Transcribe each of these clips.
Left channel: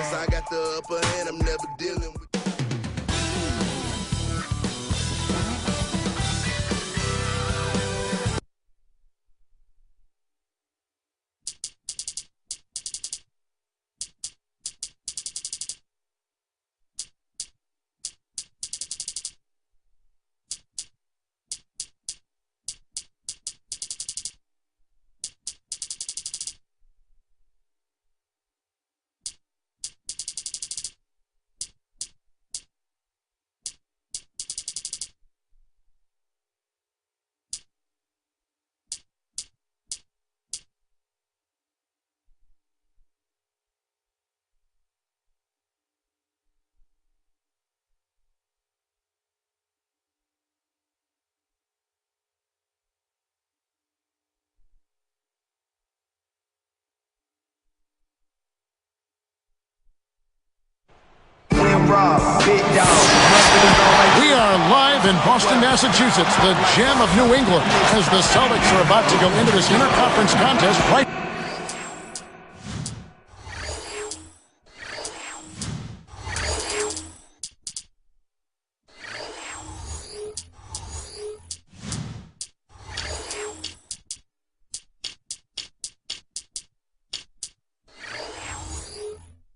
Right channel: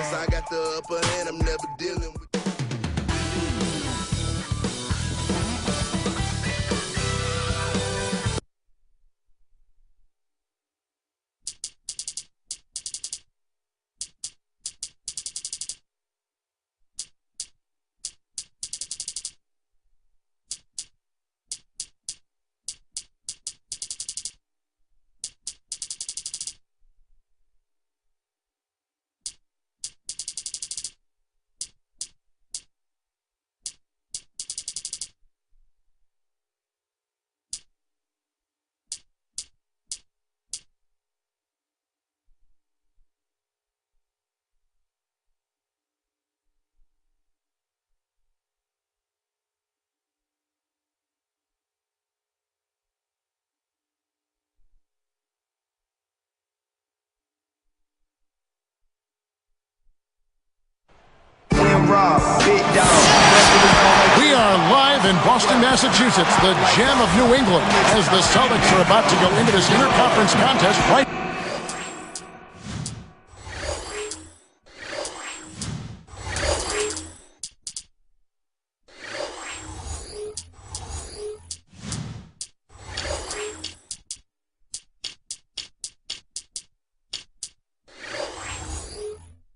Since I got the upper hand, I'm never dealing with. We are live in Boston, Massachusetts, the gem of New England, as the Celtics are about to go into this interconference contest right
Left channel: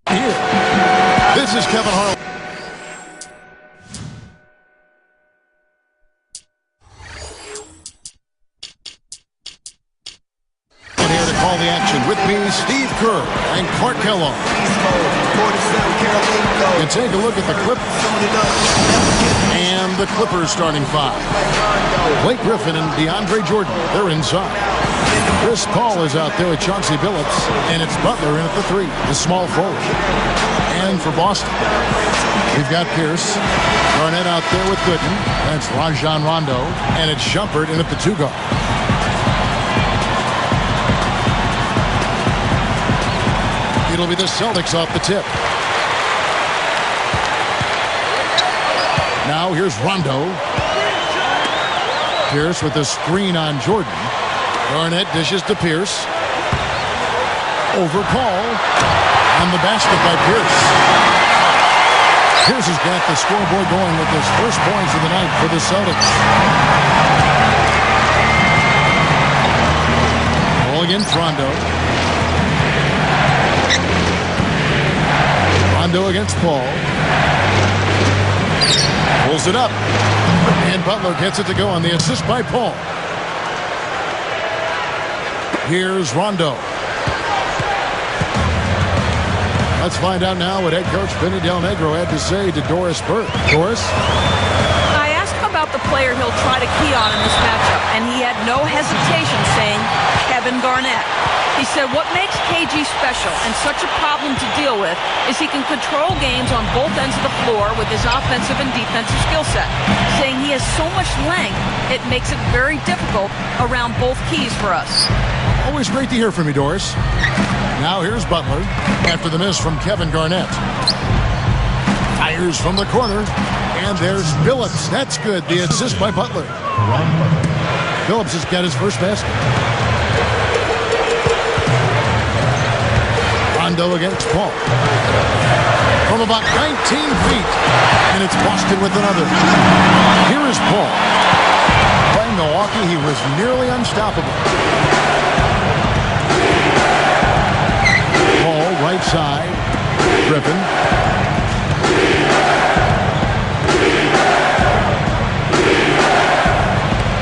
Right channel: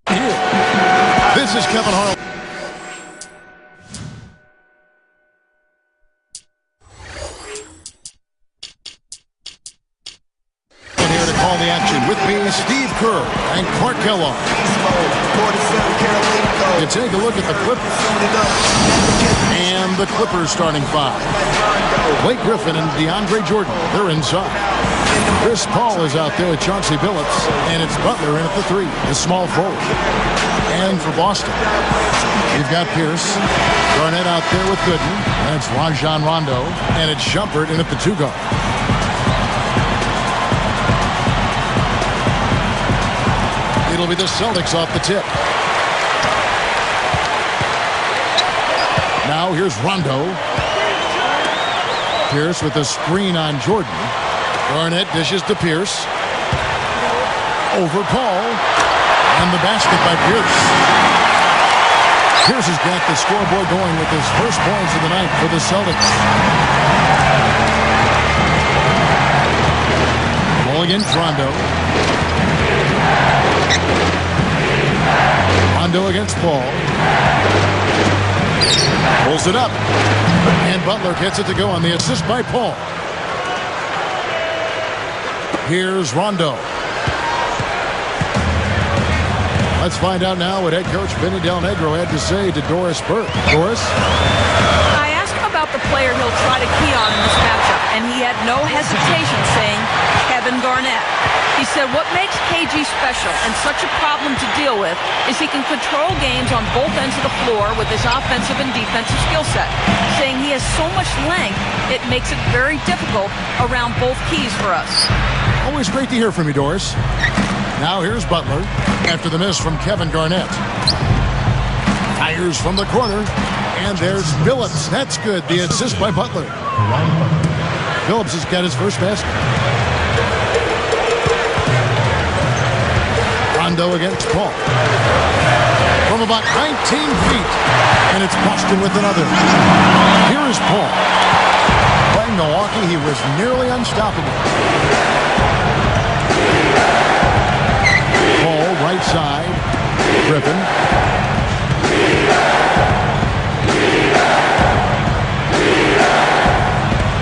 here. This is Kevin Harlan. Here to call the action with me, Steve Kerr and Clark Kellogg. You take a look at the Clippers. And the Clippers starting five. Blake Griffin and DeAndre Jordan, they're inside. Chris Paul is out there with Chauncey Billups, and it's Butler in at the three, the small forward. And for Boston, we've got Pierce, Garnett out there with Gooden, and it's Rajon Rondo, and it's Shumpert in at the two guard. It'll be the Celtics off the tip. Now here's Rondo. Pierce with the screen on Jordan. Garnett dishes to Pierce. Over Paul. And the basket by Pierce. Pierce has got the scoreboard going with his first points of the night for the Celtics. Ball against Rondo. Rondo against Paul. Pulls it up. And Butler gets it to go on the assist by Paul. Here's Rondo. Let's find out now what head coach Vinny Del Negro had to say to Doris Burke. Doris? I asked him about the player he'll try to key on in this matchup, and he had no hesitation saying Kevin Garnett. He said what makes KG special and such a problem to deal with is he can control games on both ends of the floor with his offensive and defensive skill set, saying he has so much length it makes it very difficult around both keys for us. Always great to hear from you, Doris. Now here's Butler after the miss from Kevin Garnett. Fires from the corner, and there's Billups. That's good, the assist by Butler. Billups has got his first basket. Rondo against Paul. From about 19 feet. And it's Boston with another. Here is Paul. Playing Milwaukee, he was nearly unstoppable. Paul, right side. Griffin.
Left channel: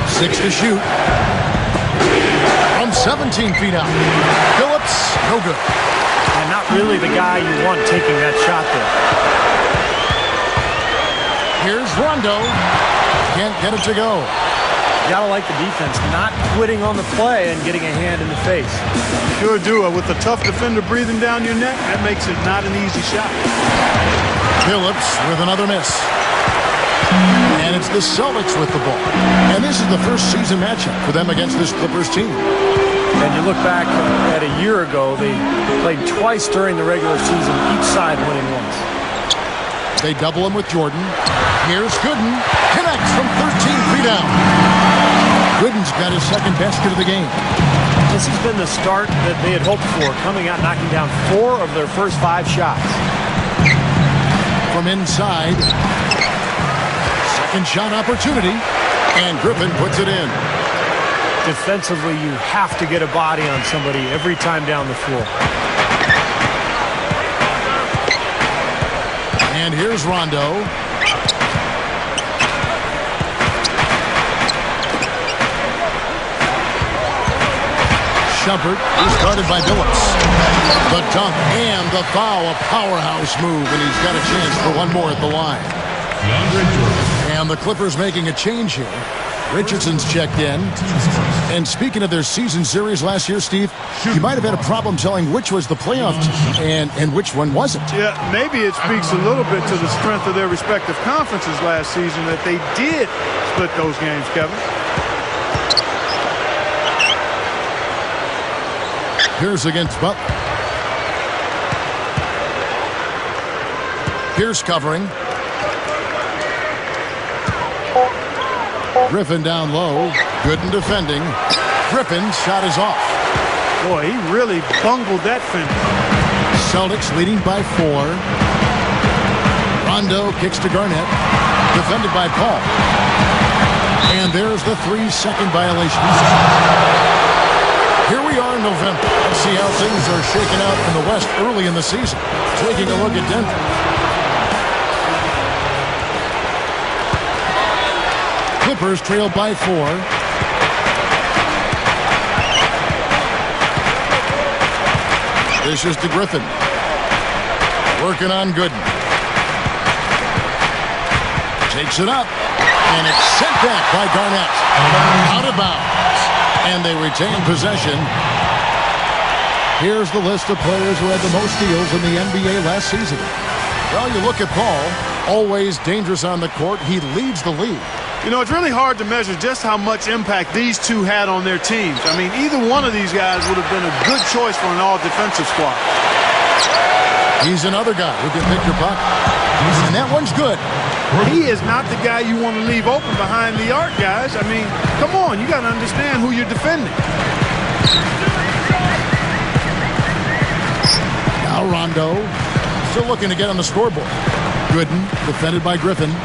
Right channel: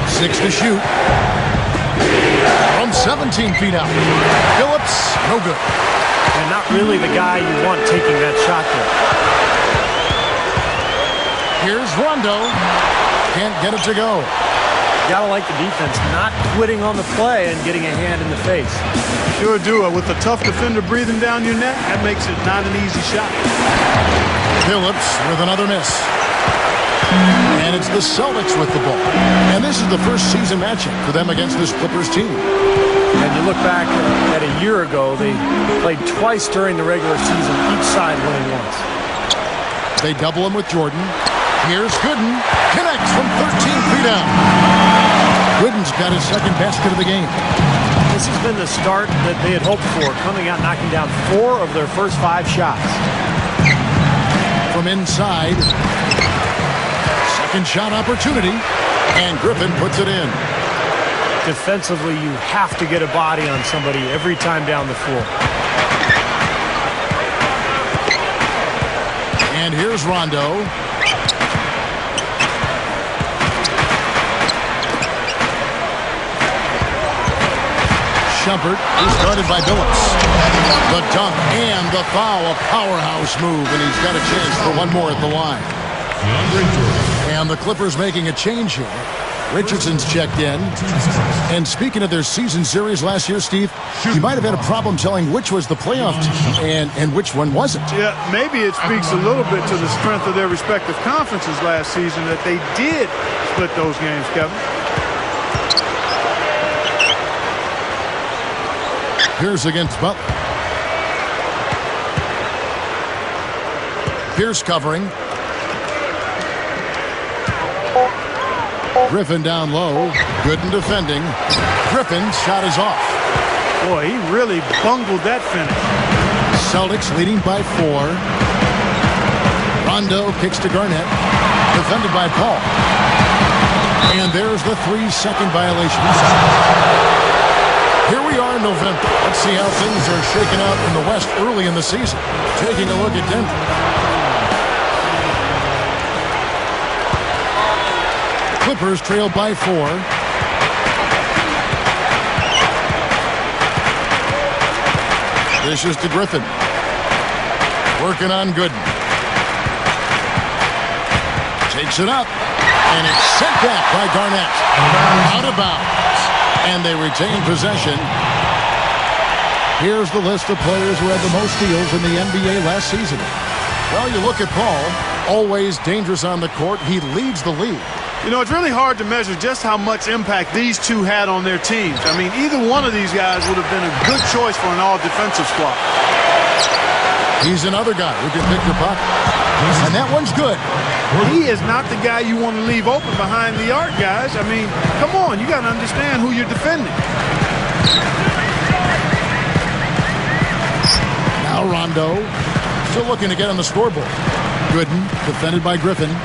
Six to shoot. From 17 feet out. Billups, no good. And not really the guy you want taking that shot there. Here's Rondo. Can't get it to go. You gotta like the defense, not quitting on the play and getting a hand in the face. Sure do. With a tough defender breathing down your neck, that makes it not an easy shot. Billups with another miss. And it's the Celtics with the ball. And this is the first season matchup for them against this Clippers team. And you look back at a year ago, they played twice during the regular season, each side winning once. They double him with Jordan. Here's Gooden. Connects from 13 feet out. Gooden's got his second basket of the game. This has been the start that they had hoped for, coming out knocking down 4 of their first 5 shots. from inside. Second shot opportunity. And Griffin puts it in. Defensively, you have to get a body on somebody every time down the floor. And here's Rondo. Shumpert is guarded by Billups. The dunk and the foul, a powerhouse move, and he's got a chance for one more at the line. And the Clippers making a change here. Richardson's checked in. And speaking of their season series last year, Steve, you might have had a problem telling which was the playoff team and which one wasn't. Yeah, maybe it speaks a little bit to the strength of their respective conferences last season that they did split those games, Kevin. Pierce against Butler. Pierce covering. Griffin down low. Gooden defending. Griffin's shot is off. Boy, he really bungled that finish. Celtics leading by 4. Rondo kicks to Garnett. Defended by Paul. And there's the 3-second violation. Here we are in November. Let's see how things are shaking out in the West early in the season. Taking a look at Denver. Clippers trail by 4. Dishes to Griffin. Working on Gooden. Takes it up. And it's sent back by Garnett. Out of bounds. And they retain possession. Here's the list of players who had the most steals in the NBA last season. Well, you look at Paul, always dangerous on the court. He leads the league. You know, it's really hard to measure just how much impact these two had on their teams. I mean, either one of these guys would have been a good choice for an all-defensive squad. He's another guy who can pick your pocket. And that one's good. He is not the guy you want to leave open behind the arc, guys. I mean, come on, you got to understand who you're defending. Now Rondo, still looking to get on the scoreboard. Gooden, defended by Griffin.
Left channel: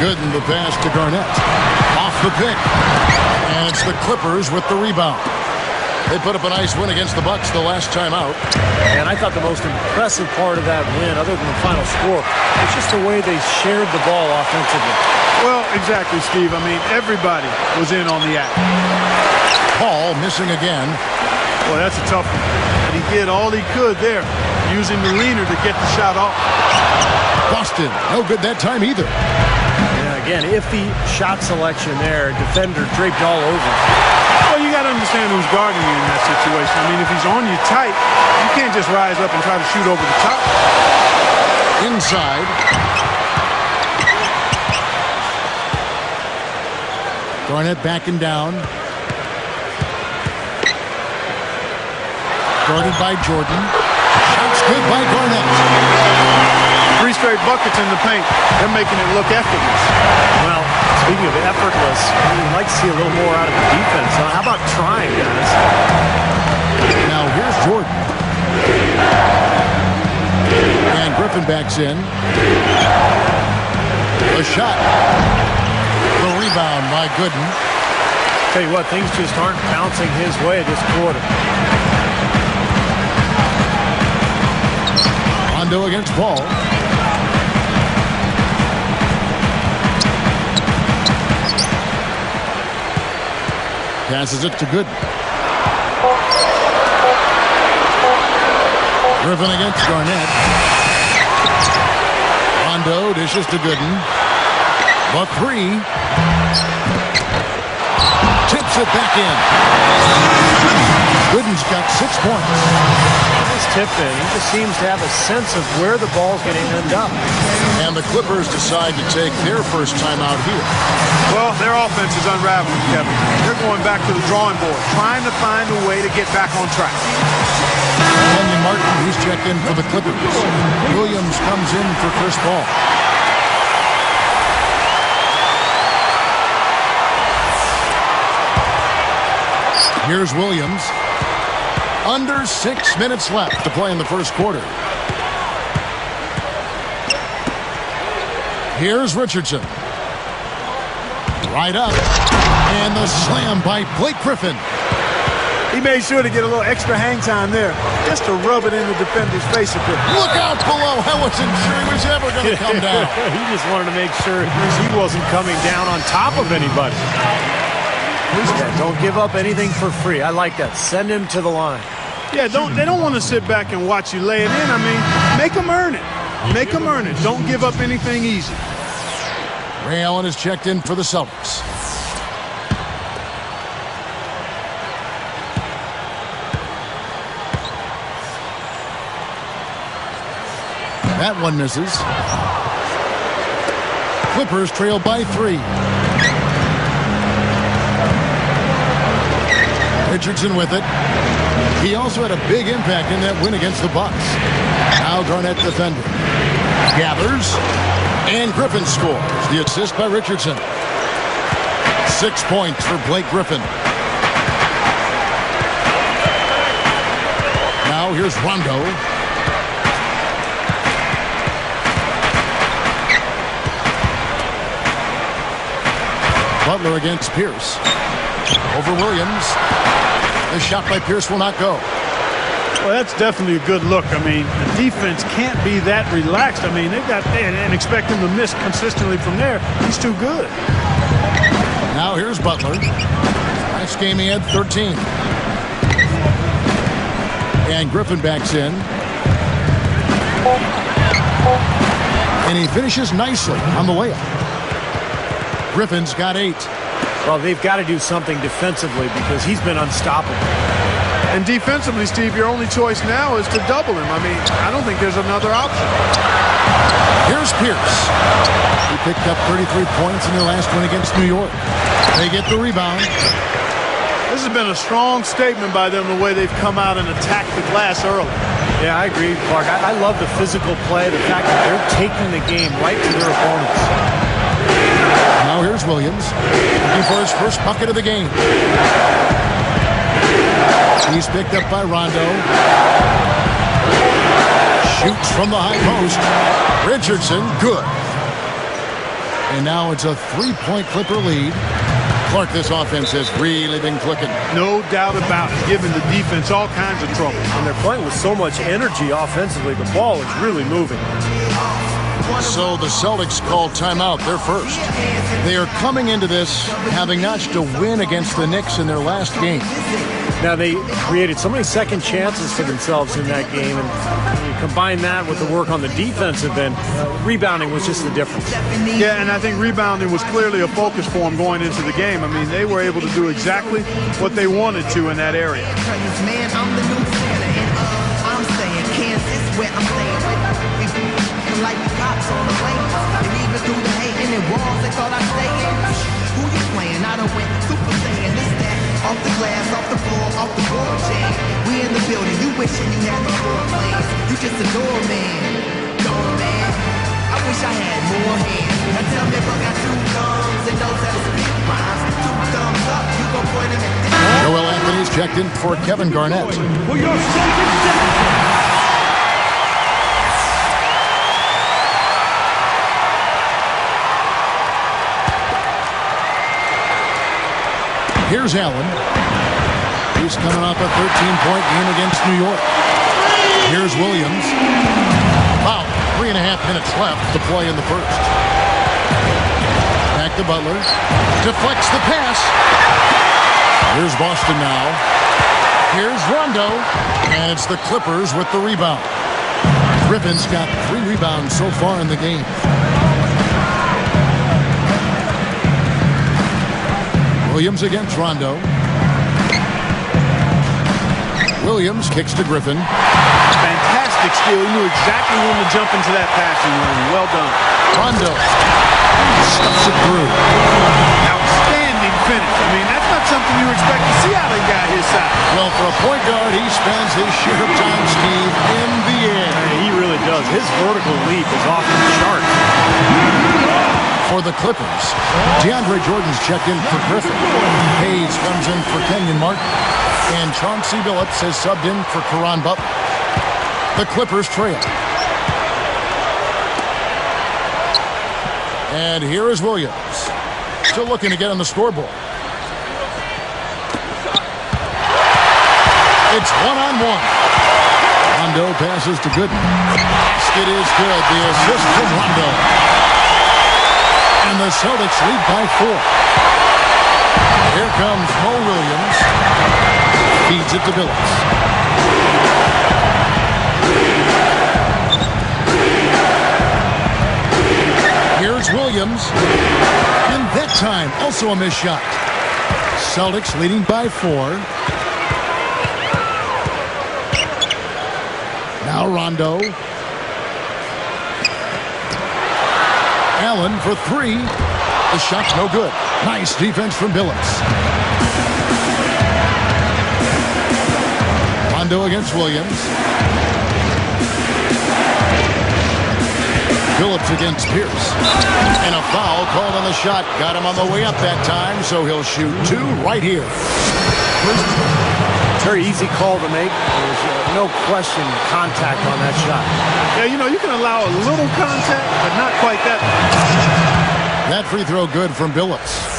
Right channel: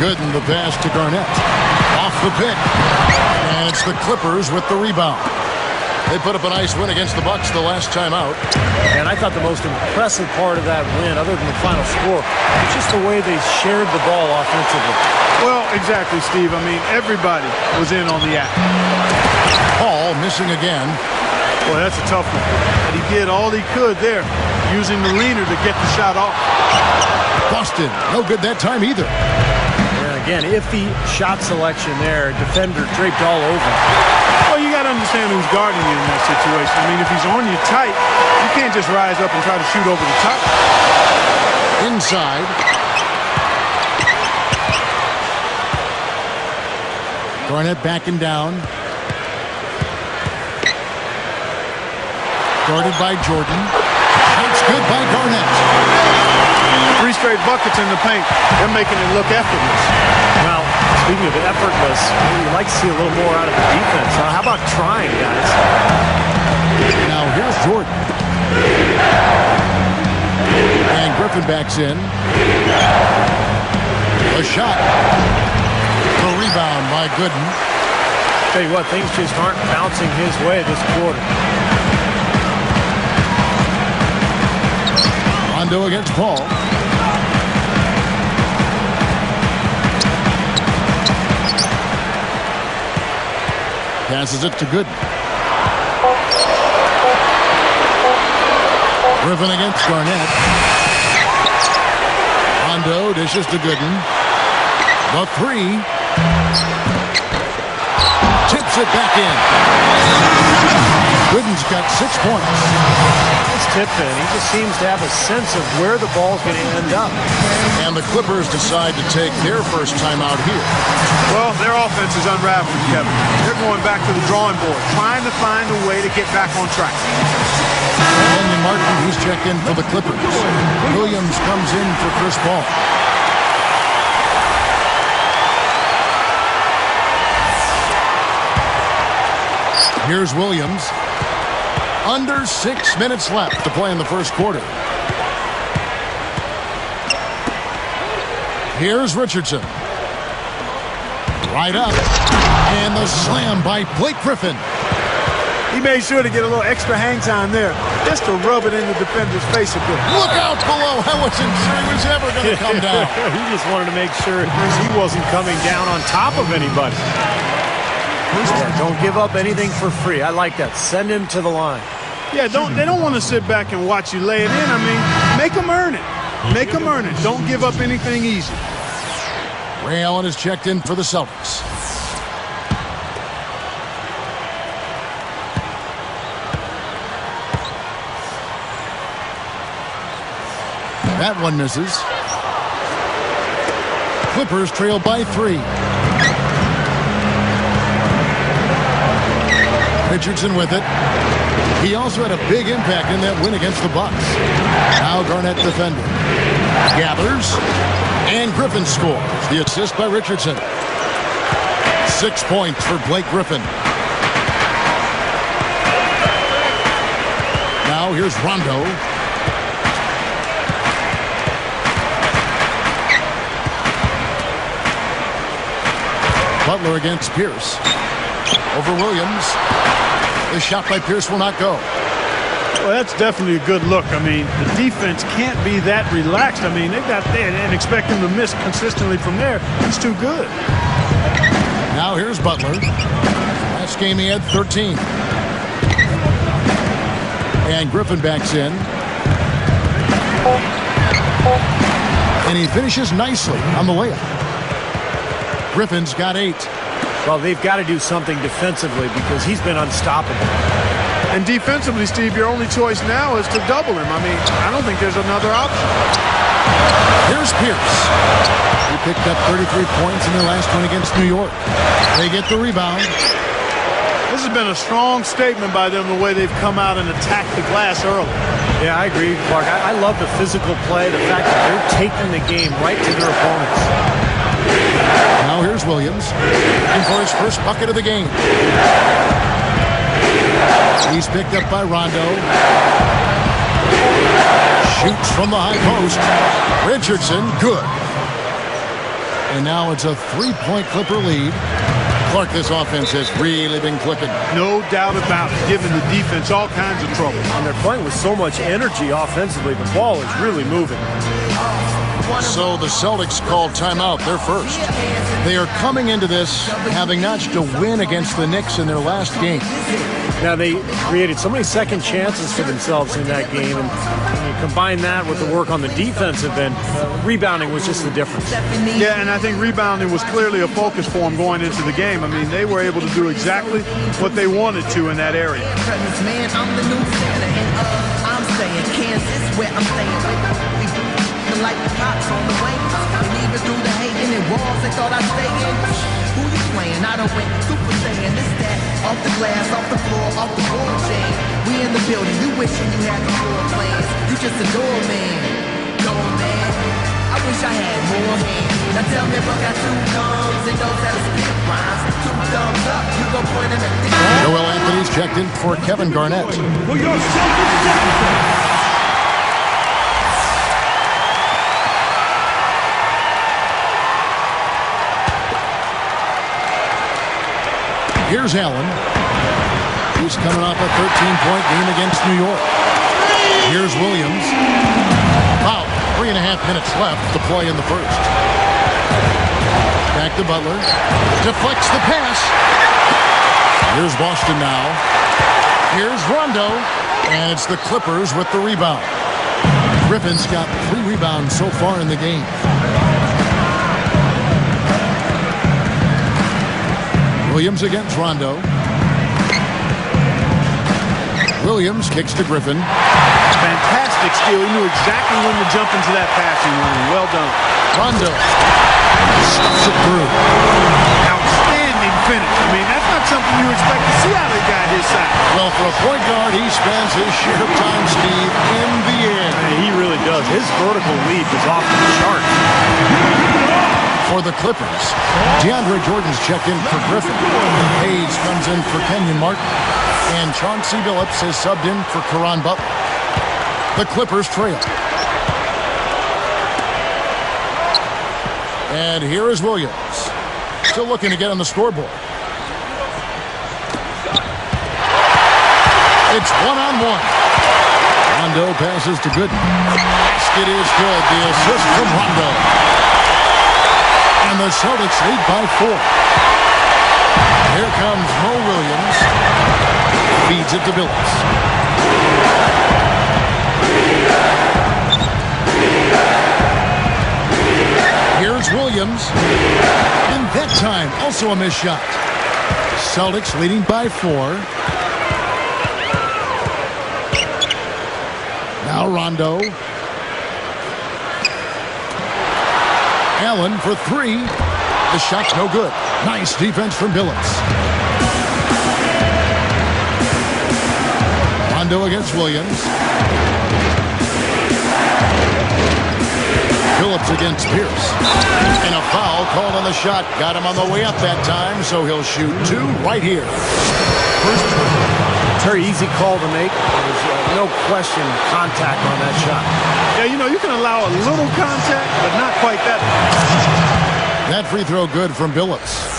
Gooden, the pass to Garnett. Off the pick. And it's the Clippers with the rebound. They put up a nice win against the Bucks the last time out. And I thought the most impressive part of that win, other than the final score, was just the way they shared the ball offensively. Well, exactly, Steve. I mean, everybody was in on the act. Paul missing again. Boy, that's a tough one. But he did all he could there, using the leaner to get the shot off. Boston, no good that time either. Yeah, again, iffy shot selection there. Defender draped all over. Well, you got to understand who's guarding you in that situation. I mean, if he's on you tight, you can't just rise up and try to shoot over the top. Inside. Garnett backing down. Guarded by Jordan. Shots good by Garnett. 3 straight buckets in the paint. They're making it look effortless. Well, speaking of effortless, you'd like to see a little more out of the defense. How about trying, guys? Now here's Jordan. And Griffin backs in. A shot. The rebound by Gooden. Tell you what, things just aren't bouncing his way this quarter. Rondo against Paul. Passes it to Gooden. Griffin against Garnett. Rondo dishes to Gooden. The 3. Tips it back in. Gooden's got 6 points. Nice tip in. He just seems to have a sense of where the ball's going to end up. And the Clippers decide to take their first time out here. Well, their offense is unraveling, Kevin. They're going back to the drawing board, trying to find a way to get back on track. Kenyon Martin, he's checked in for the Clippers. Williams comes in for Chris Paul. Here's Williams. Under 6 minutes left to play in the first quarter. Here's Richardson. Right up. And the slam by Blake Griffin. He made sure to get a little extra hang time there, just to rub it in the defender's face a bit. Look out below. I wasn't sure he was ever going to come down. He just wanted to make sure he wasn't coming down on top of anybody. Yeah, don't give up anything for free. I like that. Send him to the line. Yeah, they don't want to sit back and watch you lay it in. I mean, make them earn it. Make them earn it. Don't give up anything easy. Ray Allen is checked in for the Celtics. That one misses. Clippers trail by 3. Richardson with it. He also had a big impact in that win against the Bucks. Now Garnett defending. Gathers. And Griffin scores. The assist by Richardson. 6 points for Blake Griffin. Now here's Rondo. Butler against Pierce. Over Williams. The shot by Pierce will not go. Well, that's definitely a good look. I mean, the defense can't be that relaxed. I mean, they've got there and expect him to miss consistently from there. He's too good. Now here's Butler. Last game he had 13. And Griffin backs in. And he finishes nicely on the layup. Griffin's got 8. Well, they've got to do something defensively because he's been unstoppable. And defensively, Steve, your only choice now is to double him. I mean, I don't think there's another option. Here's Pierce. He picked up 33 points in their last one against New York. They get the rebound. This has been a strong statement by them, the way they've come out and attacked the glass early. Yeah, I agree, Clark. I love the physical play, the fact that they're taking the game right to their opponents. Now here's Williams, looking for his first bucket of the game. He's picked up by Rondo. Shoots from the high post. Richardson, good. And now it's a 3-point Clipper lead. Clark, this offense has really been clicking. No doubt about it, giving the defense all kinds of trouble. And they're playing with so much energy offensively. The ball is really moving. So the Celtics called timeout. They're first. They are coming into this having notched a win against the Knicks in their last game. Now, they created so many second chances for themselves in that game, and when you combine that with the work on the defensive end, rebounding was just the difference. Yeah, and I think rebounding was clearly a focus for them going into the game. I mean, they were able to do exactly what they wanted to in that area. Like the cops on the wings, and even through the hating and walls, they thought I'd stay in. Who you playing? I done went super saiyan. This, that, off the glass, off the floor, off the floor jam. We in the building, you wishing you had the floor plans. You just a doorman, doorman. I wish I had more hands. Now tell me if I got 2 thumbs and knows how to spit rhymes. 2 thumbs up, you go put them at the... Joel Anthony's checked in for Kevin Garnett. Here's Allen. He's coming off a 13-point game against New York. Here's Williams. About 3.5 minutes left to play in the first. Back to Butler. Deflects the pass. Here's Boston now. Here's Rondo. And it's the Clippers with the rebound. Griffin's got 3 rebounds so far in the game. Williams against Rondo. Williams kicks to Griffin. Fantastic steal. He knew exactly when to jump into that passing lane. Well done. Rondo stuffs it through. Outstanding finish. I mean, that's not something you expect to see out of a guy his size. Well, for a point guard, he spends his share of time, Steve, in the air. Hey, he really does. His vertical leap is off the charts. For the Clippers, DeAndre Jordan's checked in for Griffin. Hayes comes in for Kenyon Martin. And Chauncey Billups has subbed in for Caron Butler. The Clippers trail. And here is Williams. Still looking to get on the scoreboard. It's one-on-one. Rondo passes to Gooden. Basket is good. The assist from Rondo. And the Celtics lead by 4. Here comes Mo Williams. Feeds it to Billups. Here's Williams. And that time, also a missed shot. Celtics leading by 4. Now Rondo. Allen for 3. The shot's no good. Nice defense from Billups. Rondo against Williams. Billups against Pierce. And a foul called on the shot. Got him on the way up that time, so he'll shoot 2 right here. Very easy call to make. There's no question contact on that shot. Yeah, you know, you can allow a little contact, but not quite that much. That free throw good from Billups.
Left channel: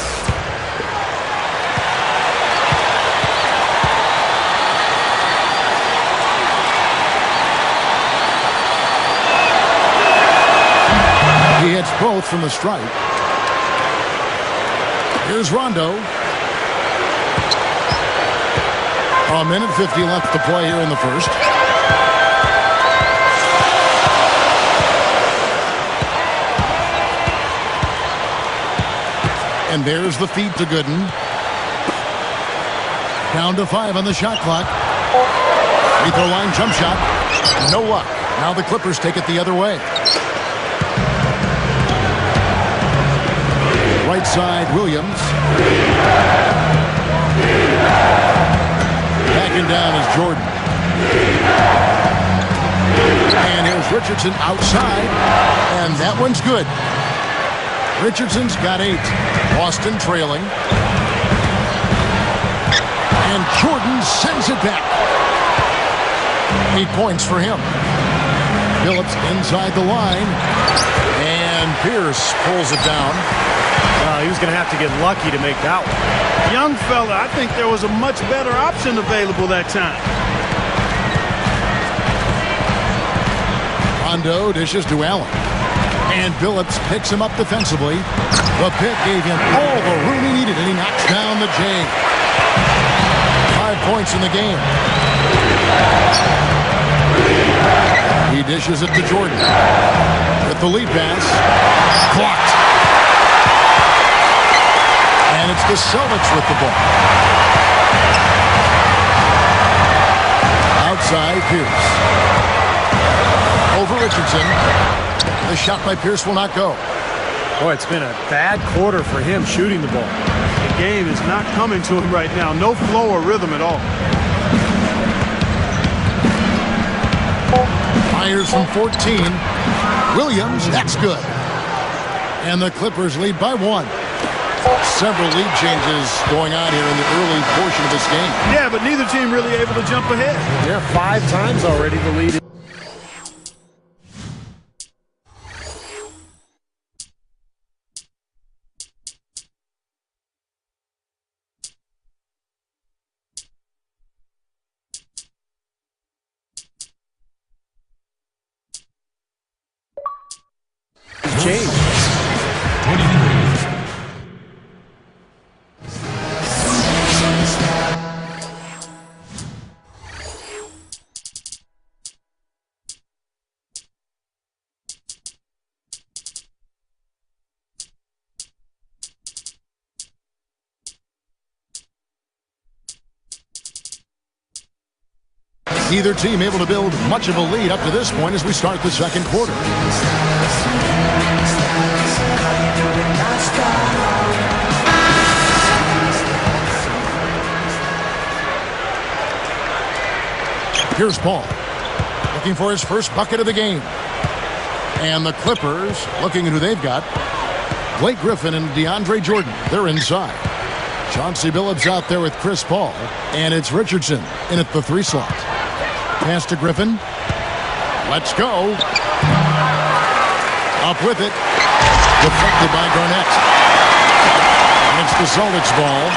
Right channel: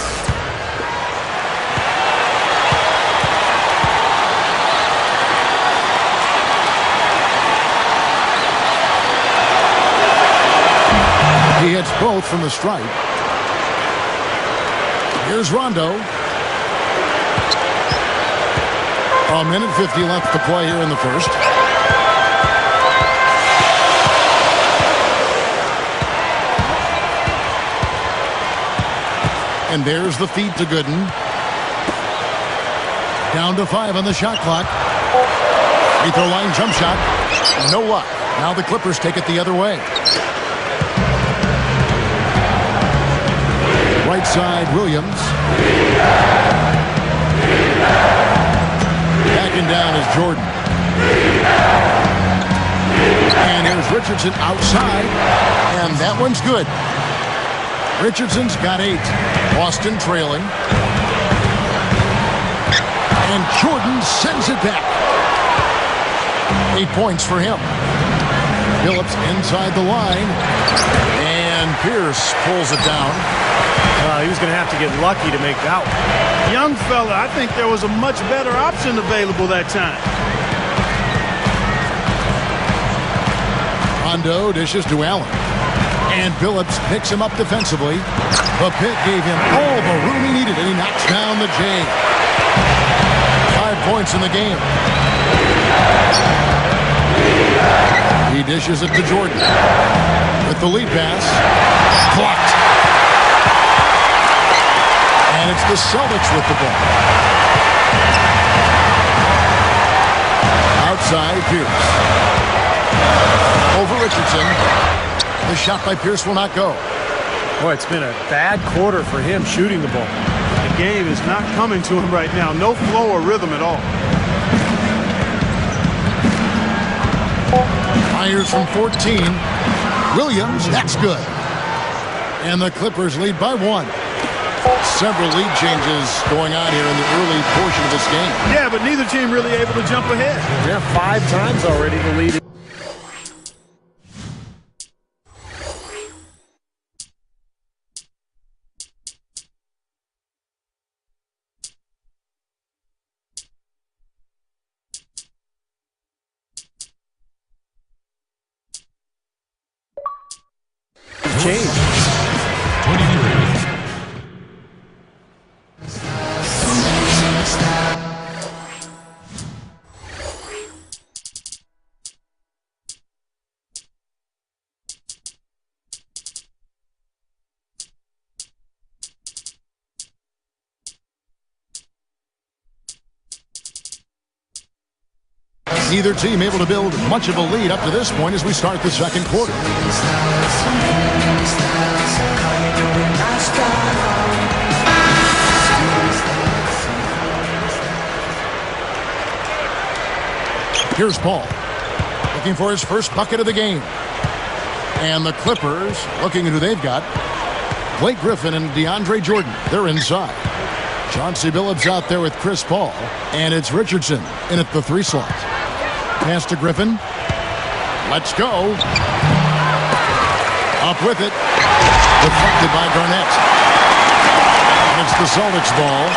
He hits both from the stripe. Here's Rondo. A minute 50 left to play here in the first. And there's the feed to Gooden. Down to 5 on the shot clock. Free throw line jump shot. No luck. Now the Clippers take it the other way. Right side, Williams. Backing down is Jordan. And here's Richardson outside. And that one's good. Richardson's got 8. Boston trailing. And Jordan sends it back. 8 points for him. Billups inside the line. And Pierce pulls it down. He was going to have to get lucky to make that one. Young fella, I think there was a much better option available that time. Rondo dishes to Allen. And Billups picks him up defensively. The pick gave him all the room he needed, and he knocks down the J. 5 points in the game. He dishes it to Jordan. With the lead pass. Blocked. And it's the Celtics with the ball. Outside, Pierce. Over Richardson. The shot by Pierce will not go. Boy, it's been a bad quarter for him shooting the ball. The game is not coming to him right now. No flow or rhythm at all. Fires from 14. Williams, that's good. And the Clippers lead by 1. Several lead changes going on here in the early portion of this game. Yeah, but neither team really able to jump ahead. Yeah, 5 times already the lead. It's changed. Neither team able to build much of a lead up to this point as we start the second quarter. Here's Paul, looking for his first bucket of the game. And the Clippers, looking at who they've got. Blake Griffin and DeAndre Jordan, they're inside. Chauncey Billups out there with Chris Paul. And it's Richardson in at the 3 slot. Pass to Griffin. Let's go. Up with it. Deflected by Garnett. And it's the Celtics ball.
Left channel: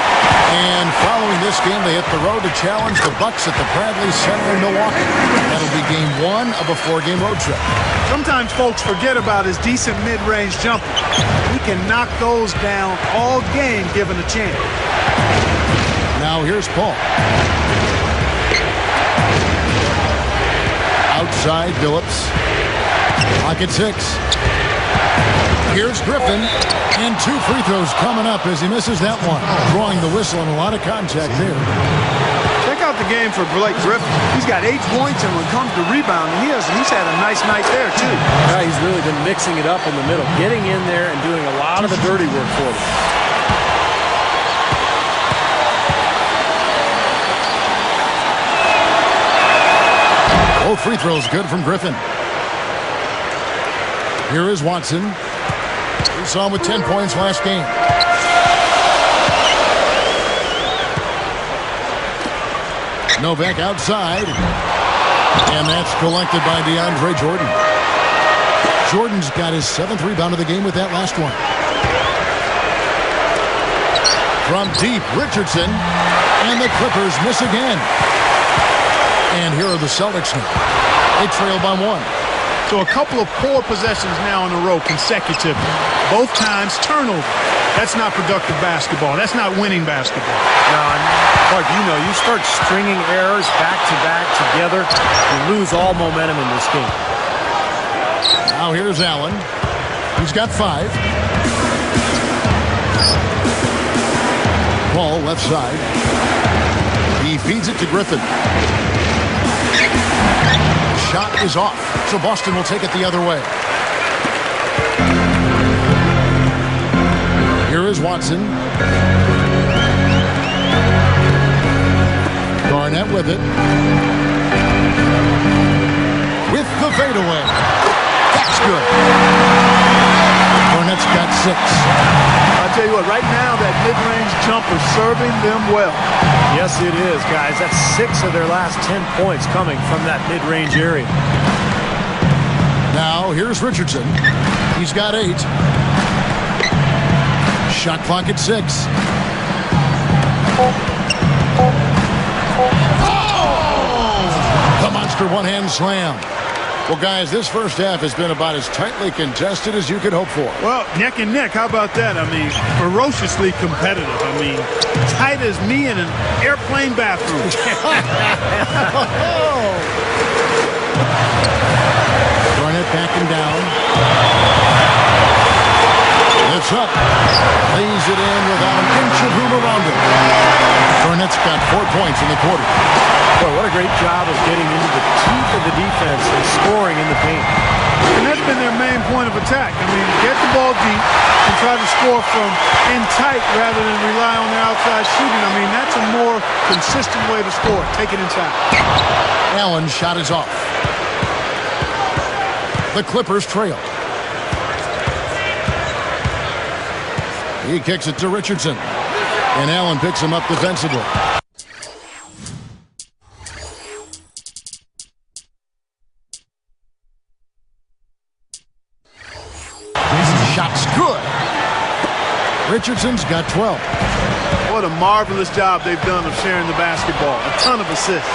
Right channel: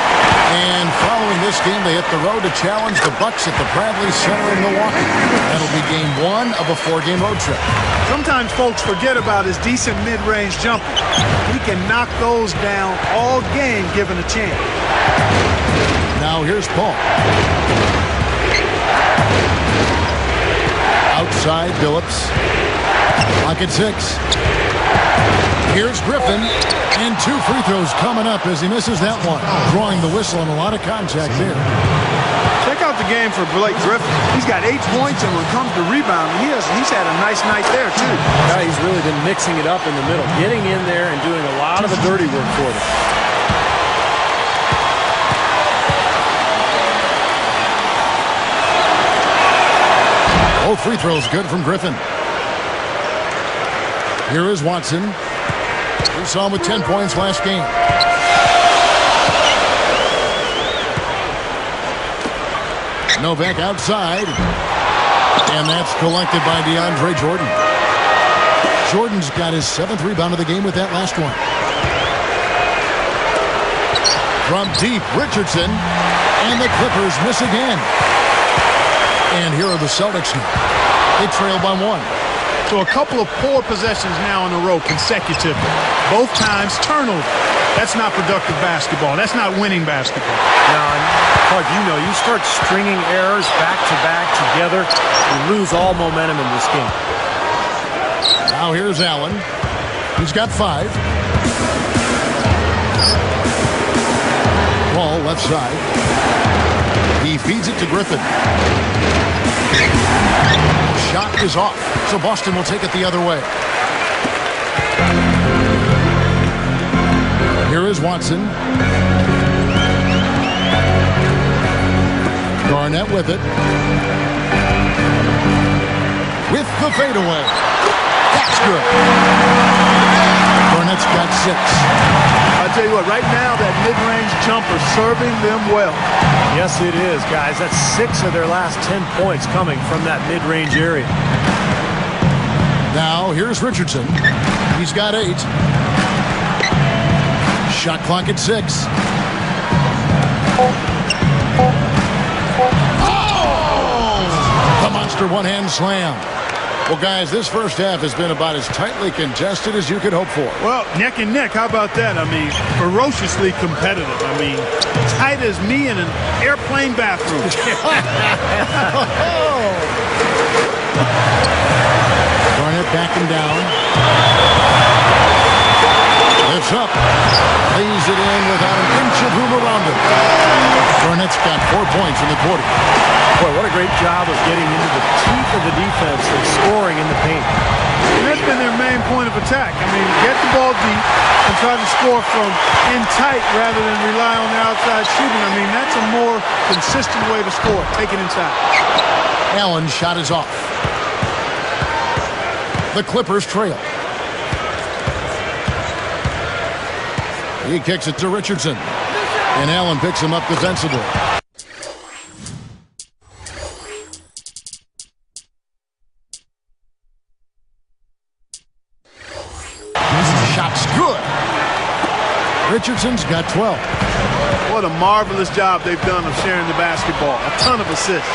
And following this game, they hit the road to challenge the Bucks at the Bradley Center in Milwaukee. That'll be game 1 of a 4-game road trip. Sometimes folks forget about his decent mid-range jumper. He can knock those down all game given a chance. Now here's Paul. Outside Billups. Clock at 6. Here's Griffin. And 2 free throws coming up as he misses that one. Drawing the whistle and a lot of contact there. Check out the game for Blake Griffin. He's got 8 points, and when it comes to rebounding, he's had a nice night there, too. Yeah, he's really been mixing it up in the middle, getting in there and doing a lot of the dirty work for them. Both free throws good from Griffin. Here is Watson. We saw him with 10 points last game. Novak outside. And that's collected by DeAndre Jordan. Jordan's got his 7th rebound of the game with that last one. From deep, Richardson. And the Clippers miss again. And here are the Celtics now. They trail by 1. So a couple of poor possessions now in a row consecutively. Both times turnover. That's not productive basketball. That's not winning basketball. No, and Clark, you start stringing errors back-to-back together, you lose all momentum in this game. Now here's Allen. He's got 5. Ball left side. He feeds it to Griffin. Shot is off, so Boston will take it the other way. Here is Watson. Garnett with it. With the fadeaway. That's good. Garnett's got 6. I tell you what, right now that mid-range jumper serving them well. Yes, it is, guys. That's 6 of their last 10 points coming from that mid-range area. Now, here's Richardson. He's got 8. Shot clock at 6. Oh! The monster one-hand slam. Well, guys, this first half has been about as tightly contested as you could hope for. Well, neck and neck. How about that? I mean, ferociously competitive. I mean, tight as me in an airplane bathroom. Garnett backing down. Lifts up. Lays it in without an inch of room around him. Garnett's got 4 points in the quarter. Boy, what a great job of getting into the teeth of the defense and scoring in the paint. And that's been their main point of attack. I mean, get the ball deep and try to score from in tight rather than rely on their outside shooting. I mean, that's a more consistent way to score. Take it inside. Allen's shot is off. The Clippers trail. He kicks it to Richardson. And Allen picks him up defensively. Shot's good. Richardson's got 12. What a marvelous job they've done of sharing the basketball. A ton of assists.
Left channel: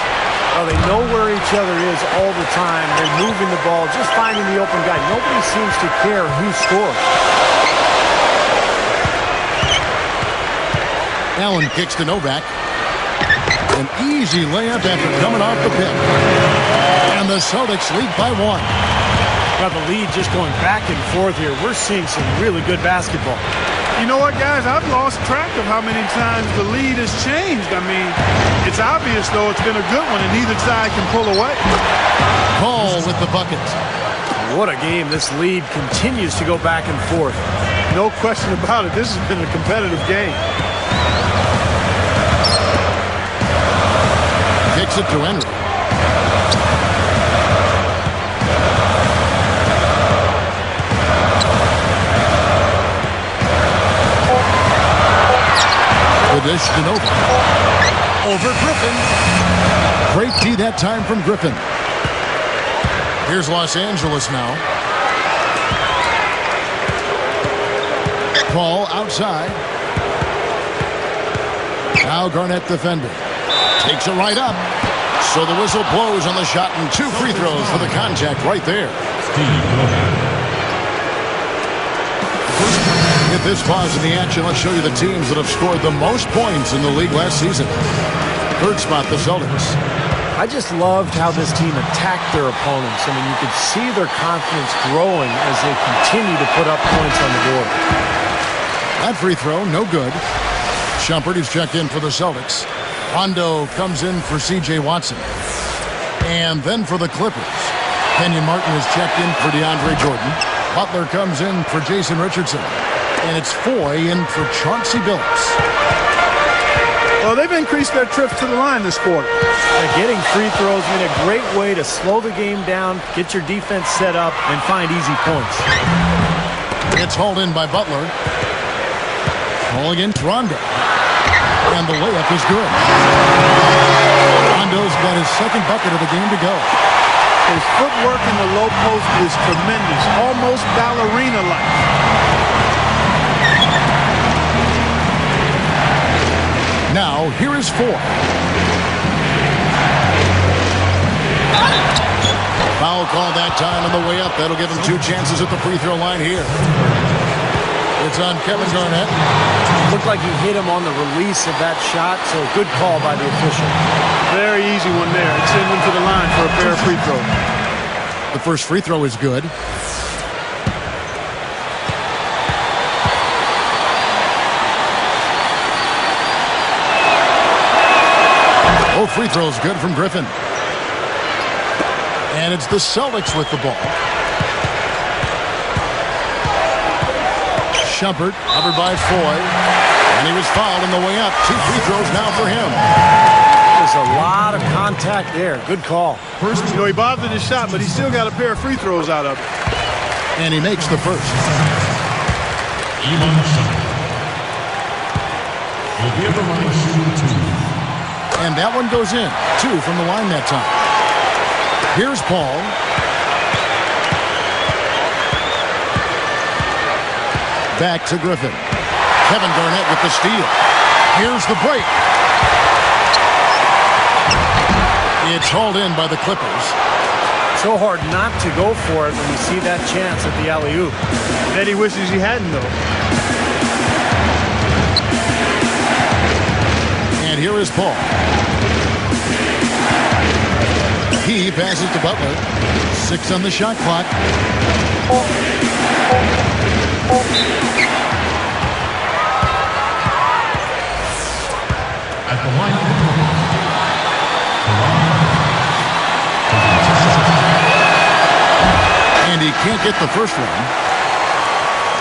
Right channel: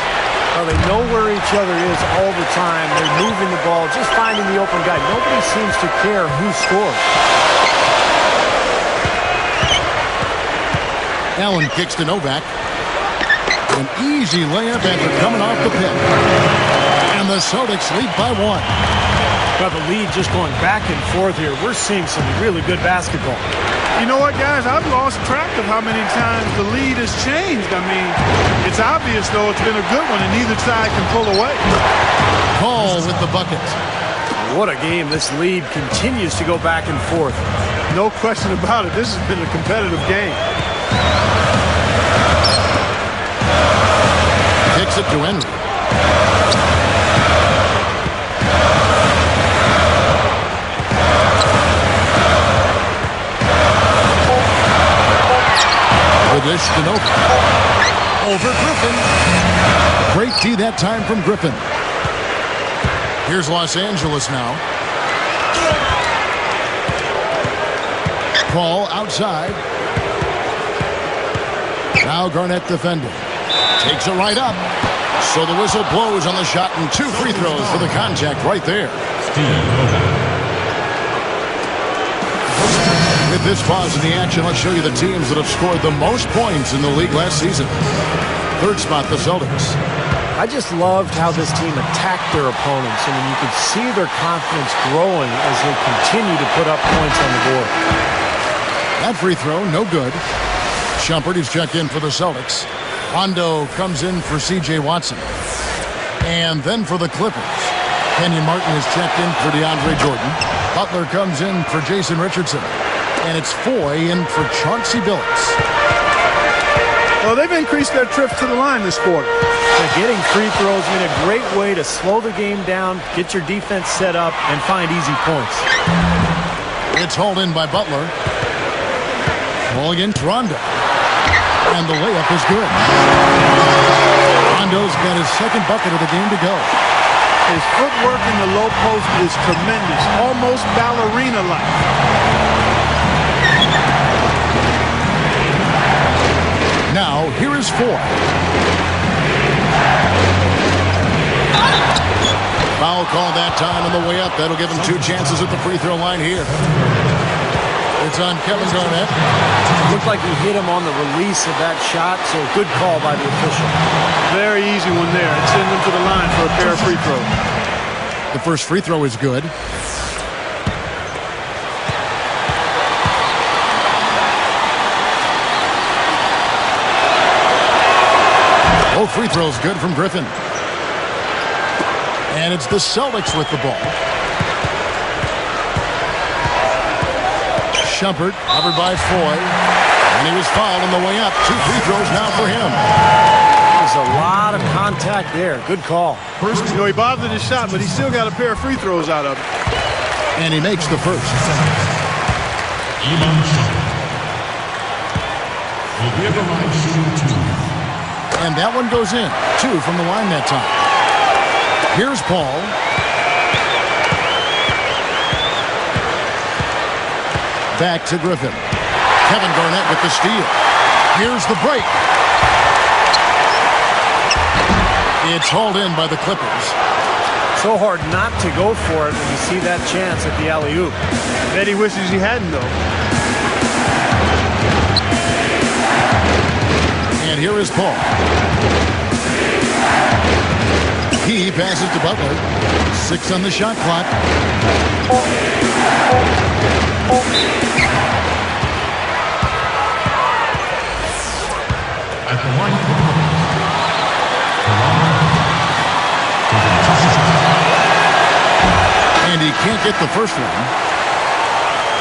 Well, they know where each other is all the time. They're moving the ball, just finding the open guy. Nobody seems to care who scores. Allen kicks to Novak. An easy layup after coming off the pick. And the Celtics lead by 1. Well, the lead just going back and forth here. We're seeing some really good basketball. You know what, guys? I've lost track of how many times the lead has changed. I mean, it's obvious, though, it's been a good one, and neither side can pull away. Paul with the bucket. What a game. This lead continues to go back and forth. No question about it. This has been a competitive game. Kicks it to Henry. The dish to Novak. Over Griffin. Great D that time from Griffin. Here's Los Angeles now. Paul outside. Now Garnett defending. Takes it right up. So the whistle blows on the shot and 2 free throws for the contact right there. With this pause in the action, let's show you the teams that have scored the most points in the league last season. Third spot, the Celtics. I just loved how this team attacked their opponents. I mean, you could see their confidence growing as they continue to put up points on the board. That free throw, no good. Shumpert is checked in for the Celtics. Rondo comes in for C.J. Watson. And then for the Clippers, Kenyon Martin is checked in for DeAndre Jordan. Butler comes in for Jason Richardson. And it's Foy in for Chauncey Billups. Well, they've increased their trips to the line this quarter. Getting free throws, I mean, a great way to slow the game down, get your defense set up, and find easy points. It's hauled in by Butler. Ball against Rondo. And the layup is good. Rondo's got his second bucket of the game to go. His footwork in the low post is tremendous, almost ballerina-like. Now, here is Foy. Foul call that time on the way up. That'll give him 2 chances at the free throw line here. It's on Kevin Garnett. Looked like he hit him on the release of that shot, so a good call by the official. Very easy one there. It sends him to the line for a pair of free throws. The first free throw is good. Both free throws good from Griffin. And it's the Celtics with the ball. Shumpert, covered by Foy. And he was fouled on the way up. 2 free throws now for him. There's a lot of contact there. Good call. You know, he bothered his shot, but he still got a pair of free throws out of it. And he makes the first. And that one goes in. 2 from the line that time. Here's Paul. Back to Griffin. Kevin Garnett with the steal. Here's the break. It's hauled in by the Clippers. So hard not to go for it when you see that chance at the alley-oop. Bet he wishes he hadn't, though. And here is Paul. He passes to Butler. 6 on the shot clock. At the line. And he can't get the first one.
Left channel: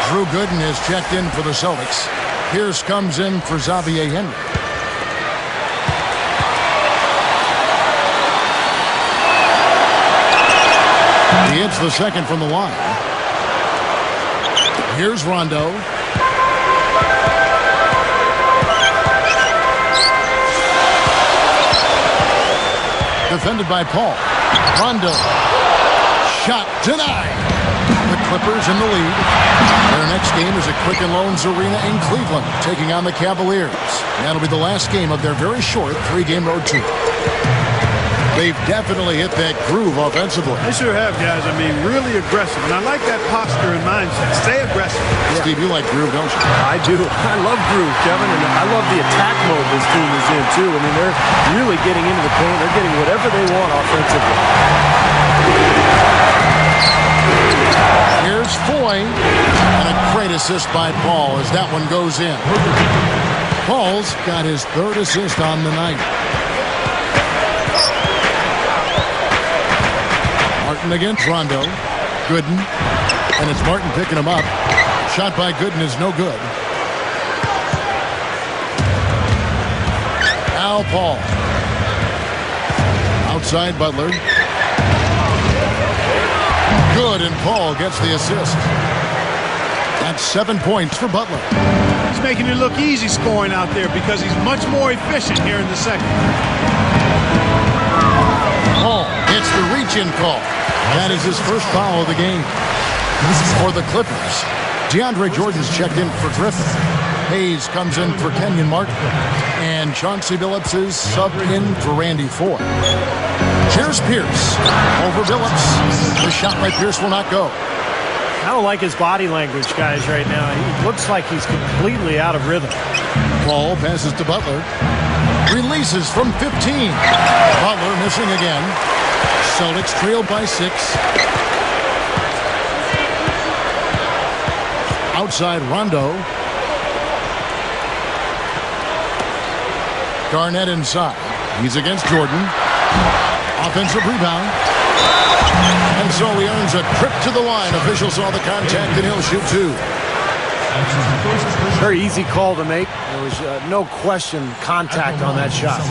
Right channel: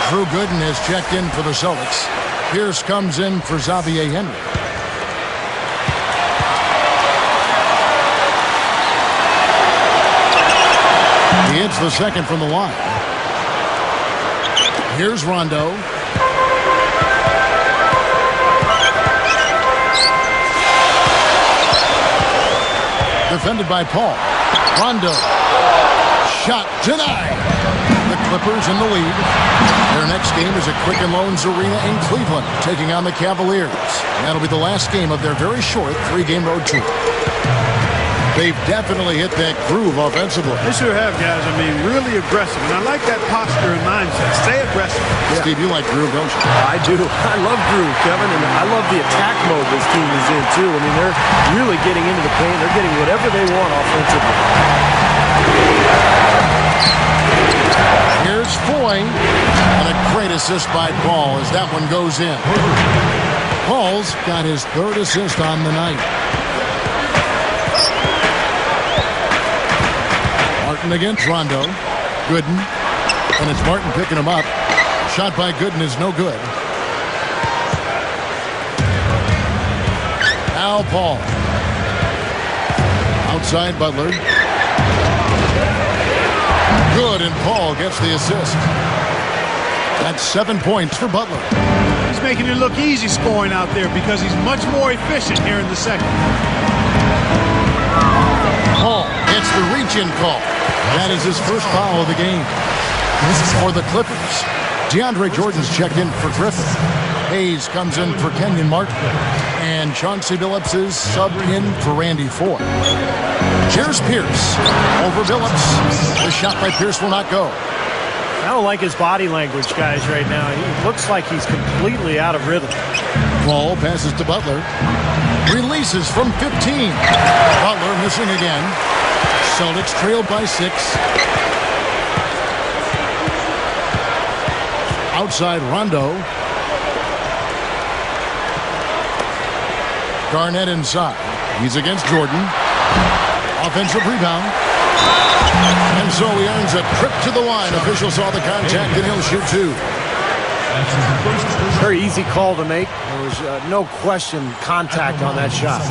Drew Gooden has checked in for the Celtics. Pierce comes in for Xavier Henry. He hits the second from the line. Here's Rondo. Defended by Paul. Rondo. Shot denied. The Clippers in the lead. Their next game is at Quicken Loans Arena in Cleveland, taking on the Cavaliers. And that'll be the last game of their very short 3-game road tour. They've definitely hit that groove offensively. They sure have, guys. I mean, really aggressive. And I like that posture and mindset. Stay aggressive. Yeah. Steve, you like groove, don't you? I do. I love groove, Kevin. And I love the attack mode this team is in, too. I mean, they're really getting into the paint. They're getting whatever they want offensively. Here's Foy. And a great assist by Paul as that one goes in. Paul's got his 3rd assist on the night. Martin against Rondo. Gooden. And it's Martin picking him up. Shot by Gooden is no good. Now Paul. Outside Butler. Good, and Paul gets the assist. That's 7 points for Butler. He's making it look easy scoring out there because he's much more efficient here in the second. Paul gets the reach-in call. That is his first foul of the game. For the Clippers, DeAndre Jordan's checked in for Griffin. Hayes comes in for Kenyon Martin. And Chauncey Billups is subbed in for Randy Ford. Here's Pierce over Billups. The shot by Pierce will not go. I don't like his body language, guys, right now. He looks like he's completely out of rhythm. Ball passes to Butler. Releases from 15. Butler missing again. Celtics trail by 6. Outside Rondo. Garnett inside. He's against Jordan. Offensive rebound. And so he earns a trip to the line. Official saw the contact and he'll shoot 2. Very easy call to make. There was no question contact on that shot.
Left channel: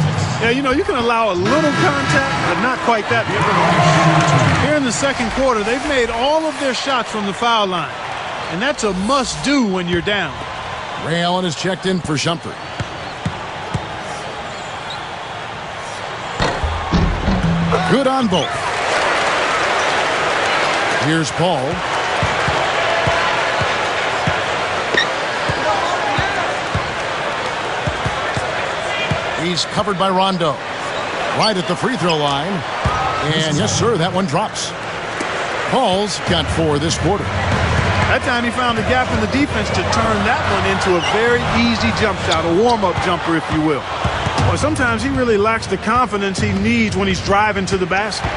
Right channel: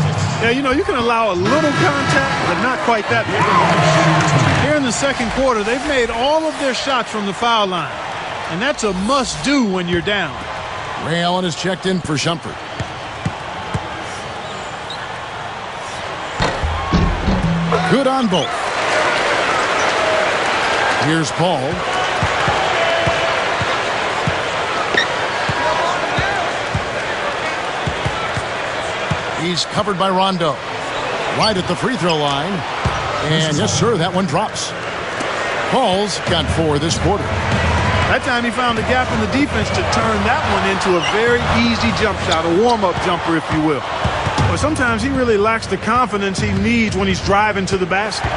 Yeah, you know, you can allow a little contact, but not quite that much. Here in the second quarter, they've made all of their shots from the foul line. And that's a must-do when you're down. Ray Allen is checked in for Shumpert. Good on both. Here's Paul. He's covered by Rondo. Right at the free throw line. And yes, sir, that one drops. Paul's got 4 this quarter. That time he found a gap in the defense to turn that one into a very easy jump shot, a warm-up jumper, if you will. Or sometimes he really lacks the confidence he needs when he's driving to the basket.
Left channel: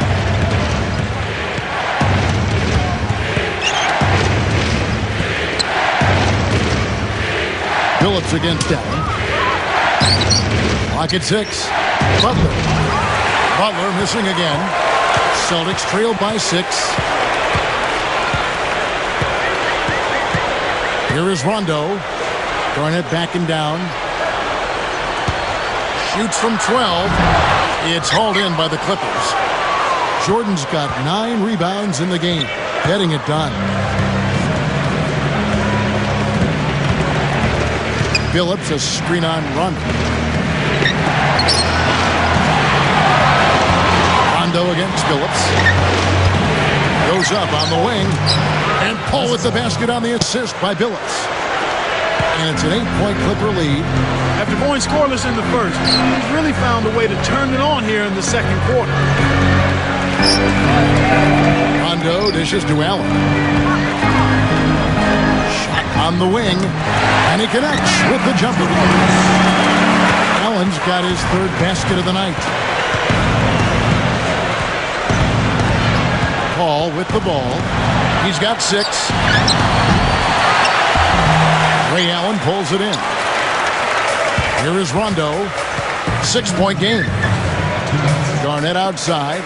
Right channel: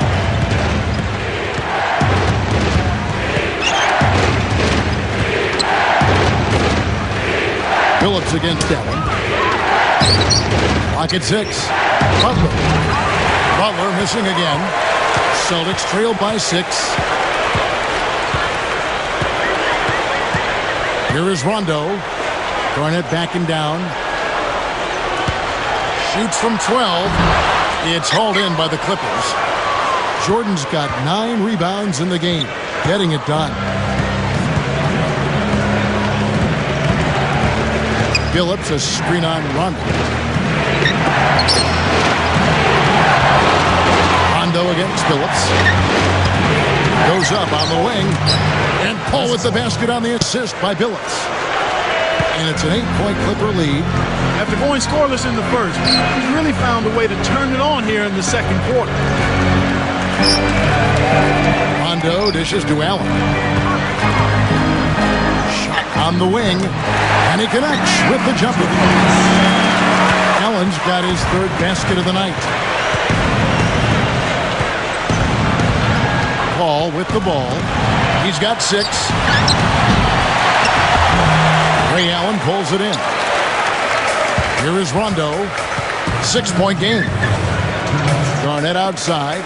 Billups against Allen. Lock at 6. Butler. Butler missing again. Celtics trail by 6. Here is Rondo. Garnett backing down. Shoots from 12. It's hauled in by the Clippers. Jordan's got 9 rebounds in the game. Getting it done. Billups a screen on Rondo. Rondo against Billups. Goes up on the wing. And Paul with the basket on the assist by Billups. And it's an 8-point Clipper lead. After going scoreless in the first, he's really found a way to turn it on here in the second quarter. Rondo dishes to Allen. Shot on the wing. And he connects with the jumper. Allen's got his 3rd basket of the night. Paul with the ball. He's got 6. Ray Allen pulls it in. Here is Rondo. 6-point game. Garnett outside.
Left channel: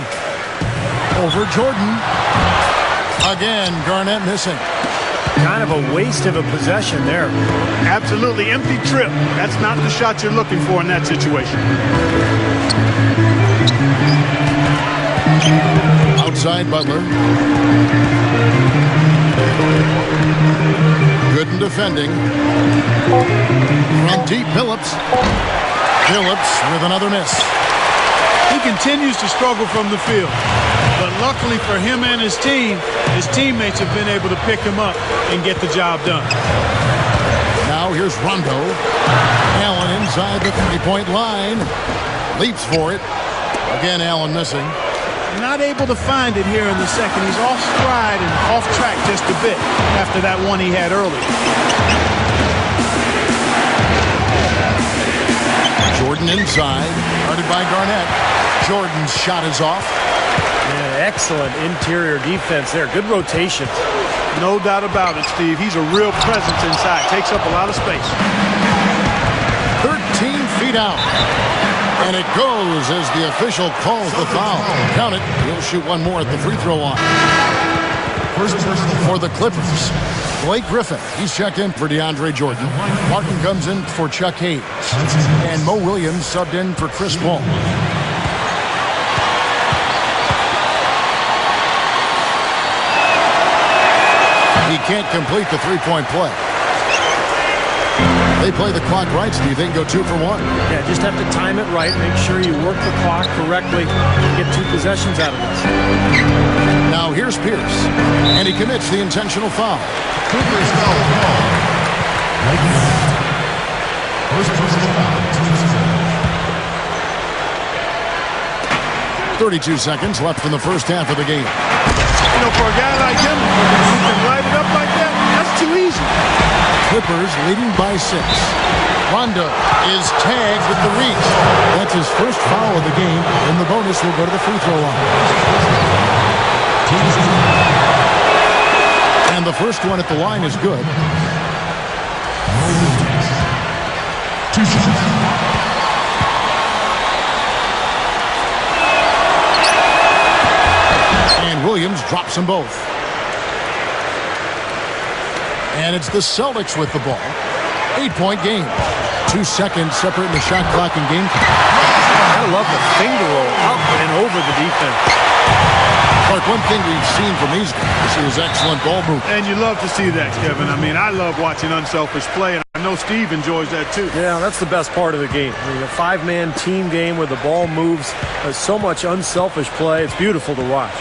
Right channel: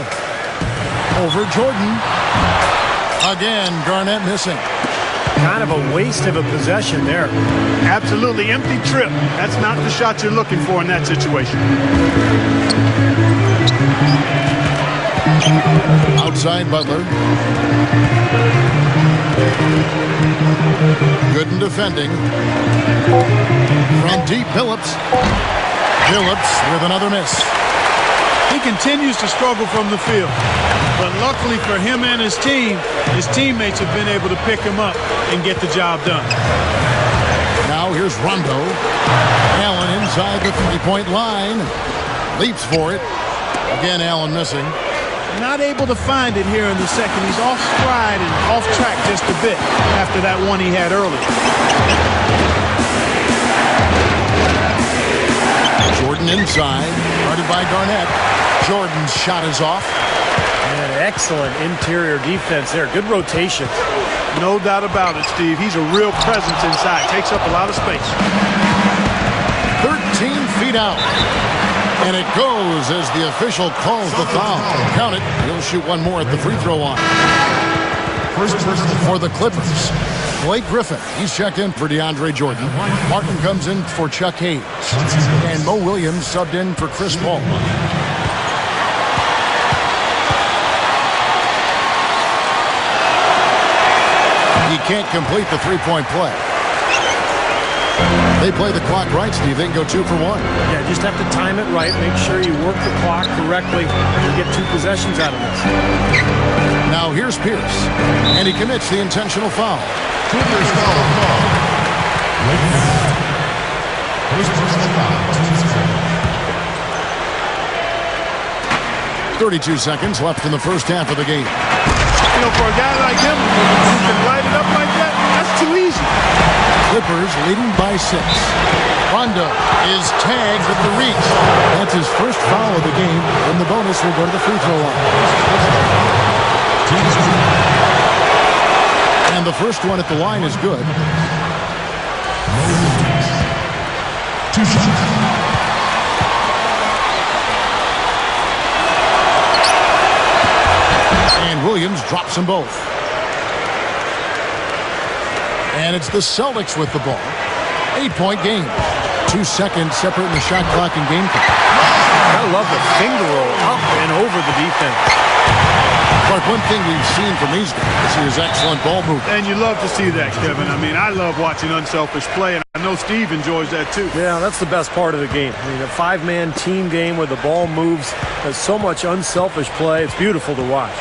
Over Jordan. Again, Garnett missing. Kind of a waste of a possession there. Absolutely empty trip. That's not the shot you're looking for in that situation. Outside Butler. Gooden defending. From deep, Billups. Billups with another miss. He continues to struggle from the field. But luckily for him and his team, his teammates have been able to pick him up and get the job done. Now here's Rondo. Allen inside the 3-point line. Leaps for it. Again, Allen missing. Not able to find it here in the second. He's off stride and off track just a bit after that one he had earlier. Jordan inside. Guarded by Garnett. Jordan's shot is off. Man, excellent interior defense there. Good rotation. No doubt about it, Steve. He's a real presence inside. Takes up a lot of space. 13 feet out. And it goes as the official calls the foul. Count it. He'll shoot one more at the free throw line. For the Clippers, Blake Griffin. He's checked in for DeAndre Jordan. Martin comes in for Chuck Hayes. And Mo Williams subbed in for Chris Paul. He can't complete the 3-point play. They play the clock right, Steve. They can go 2 for 1. Yeah, just have to time it right. Make sure you work the clock correctly and get 2 possessions out of this. Now here's Pierce, and he commits the intentional foul. Clippers foul call. First personal foul, team's 32 seconds left in the first half of the game. You know, for a guy like him who can light it up like that, that's too easy. Clippers leading by 6. Rondo is tagged at the reach. That's his first foul of the game, and the bonus will go to the free throw line. And the first one at the line is good. And Williams drops them both. And it's the Celtics with the ball. 8-point game. 2 seconds separating the shot clock and game clock. Gotta love the finger roll up and over the defense. Clark, one thing we've seen from these guys is excellent ball movement. And you love to see that, Kevin. I mean, I love watching unselfish play, and I know Steve enjoys that too. Yeah, that's the best part of the game. I mean, a 5-man team game where the ball moves. There's so much unselfish play. It's beautiful to watch.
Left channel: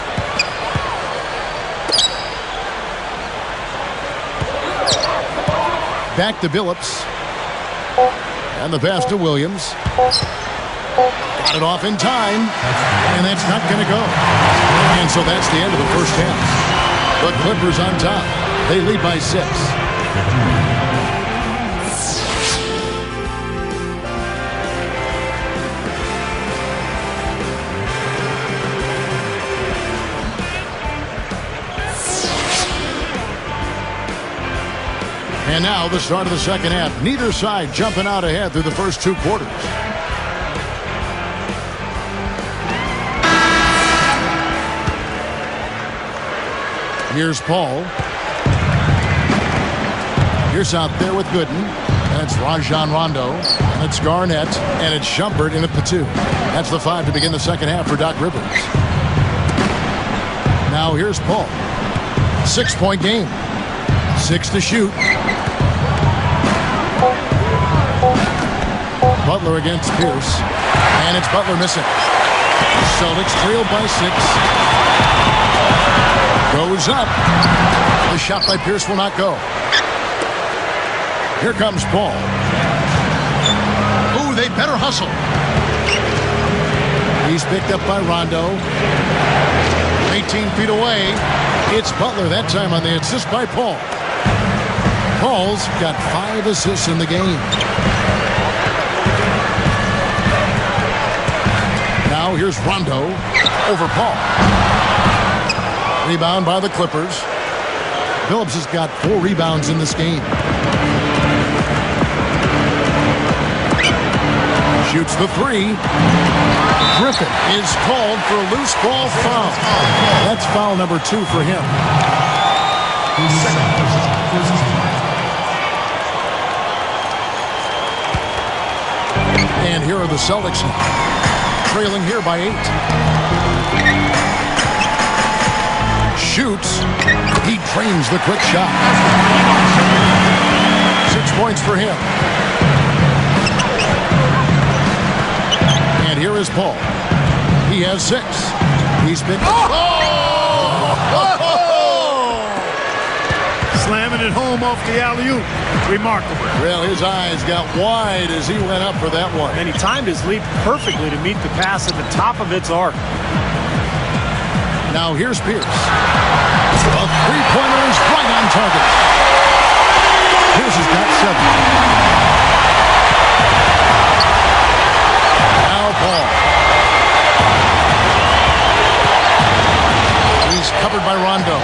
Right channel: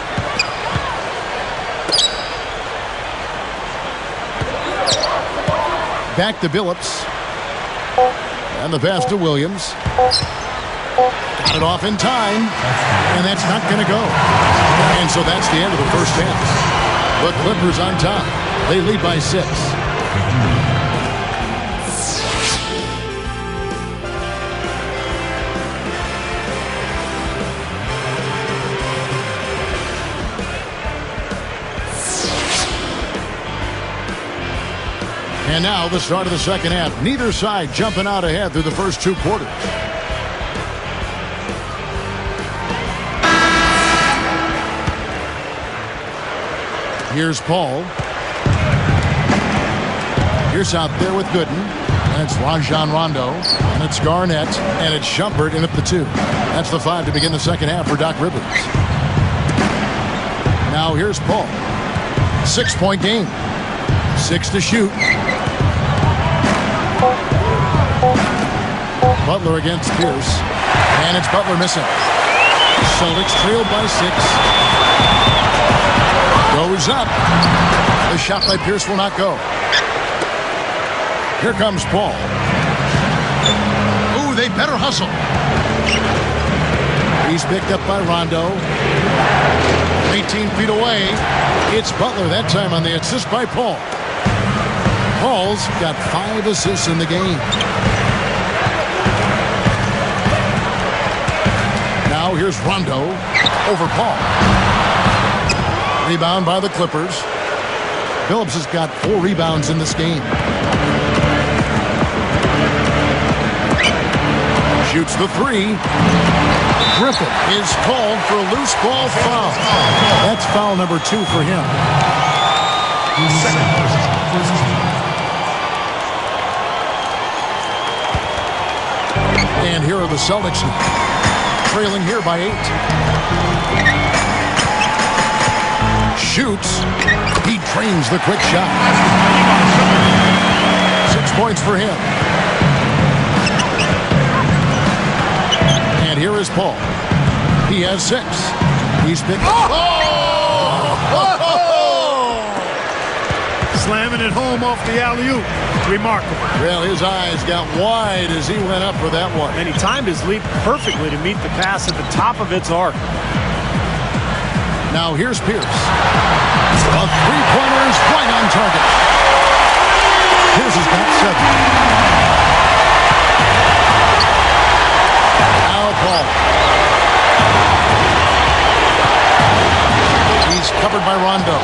Back to Billups. And the pass to Williams. Got it off in time. And that's not going to go. And so that's the end of the first half. The Clippers on top. They lead by 6. And now the start of the second half. Neither side jumping out ahead through the first 2 quarters. Here's Paul. Here's out there with Gooden. And it's Rajon Rondo. And it's Garnett. And it's Shumpert in at the 2. That's the 5 to begin the second half for Doc Rivers. Now here's Paul. 6-point game. 6 to shoot. Butler against Pierce. And it's Butler missing. Celtics trailed by 6. Goes up. The shot by Pierce will not go. Here comes Paul. Ooh, they better hustle. He's picked up by Rondo. 18 feet away. It's Butler that time on the assist by Paul. Paul's got 5 assists in the game. Now here's Rondo over Paul. Rebound by the Clippers. Phillips has got 4 rebounds in this game. Shoots the 3. Griffin is called for a loose ball foul. That's foul number 2 for him. Second person, first team. And here are the Celtics now. Trailing here by 8. Shoots. He drains the quick shot. 6 points for him. And here is Paul. He has 6. He's picked. Slamming it home off the alley-oop. Remarkable. Well, his eyes got wide as he went up for that one. And he timed his leap perfectly to meet the pass at the top of its arc. Now here's Pierce. A 3-pointer is right on target. Pierce has got 7. Now Paul. He's covered by Rondo.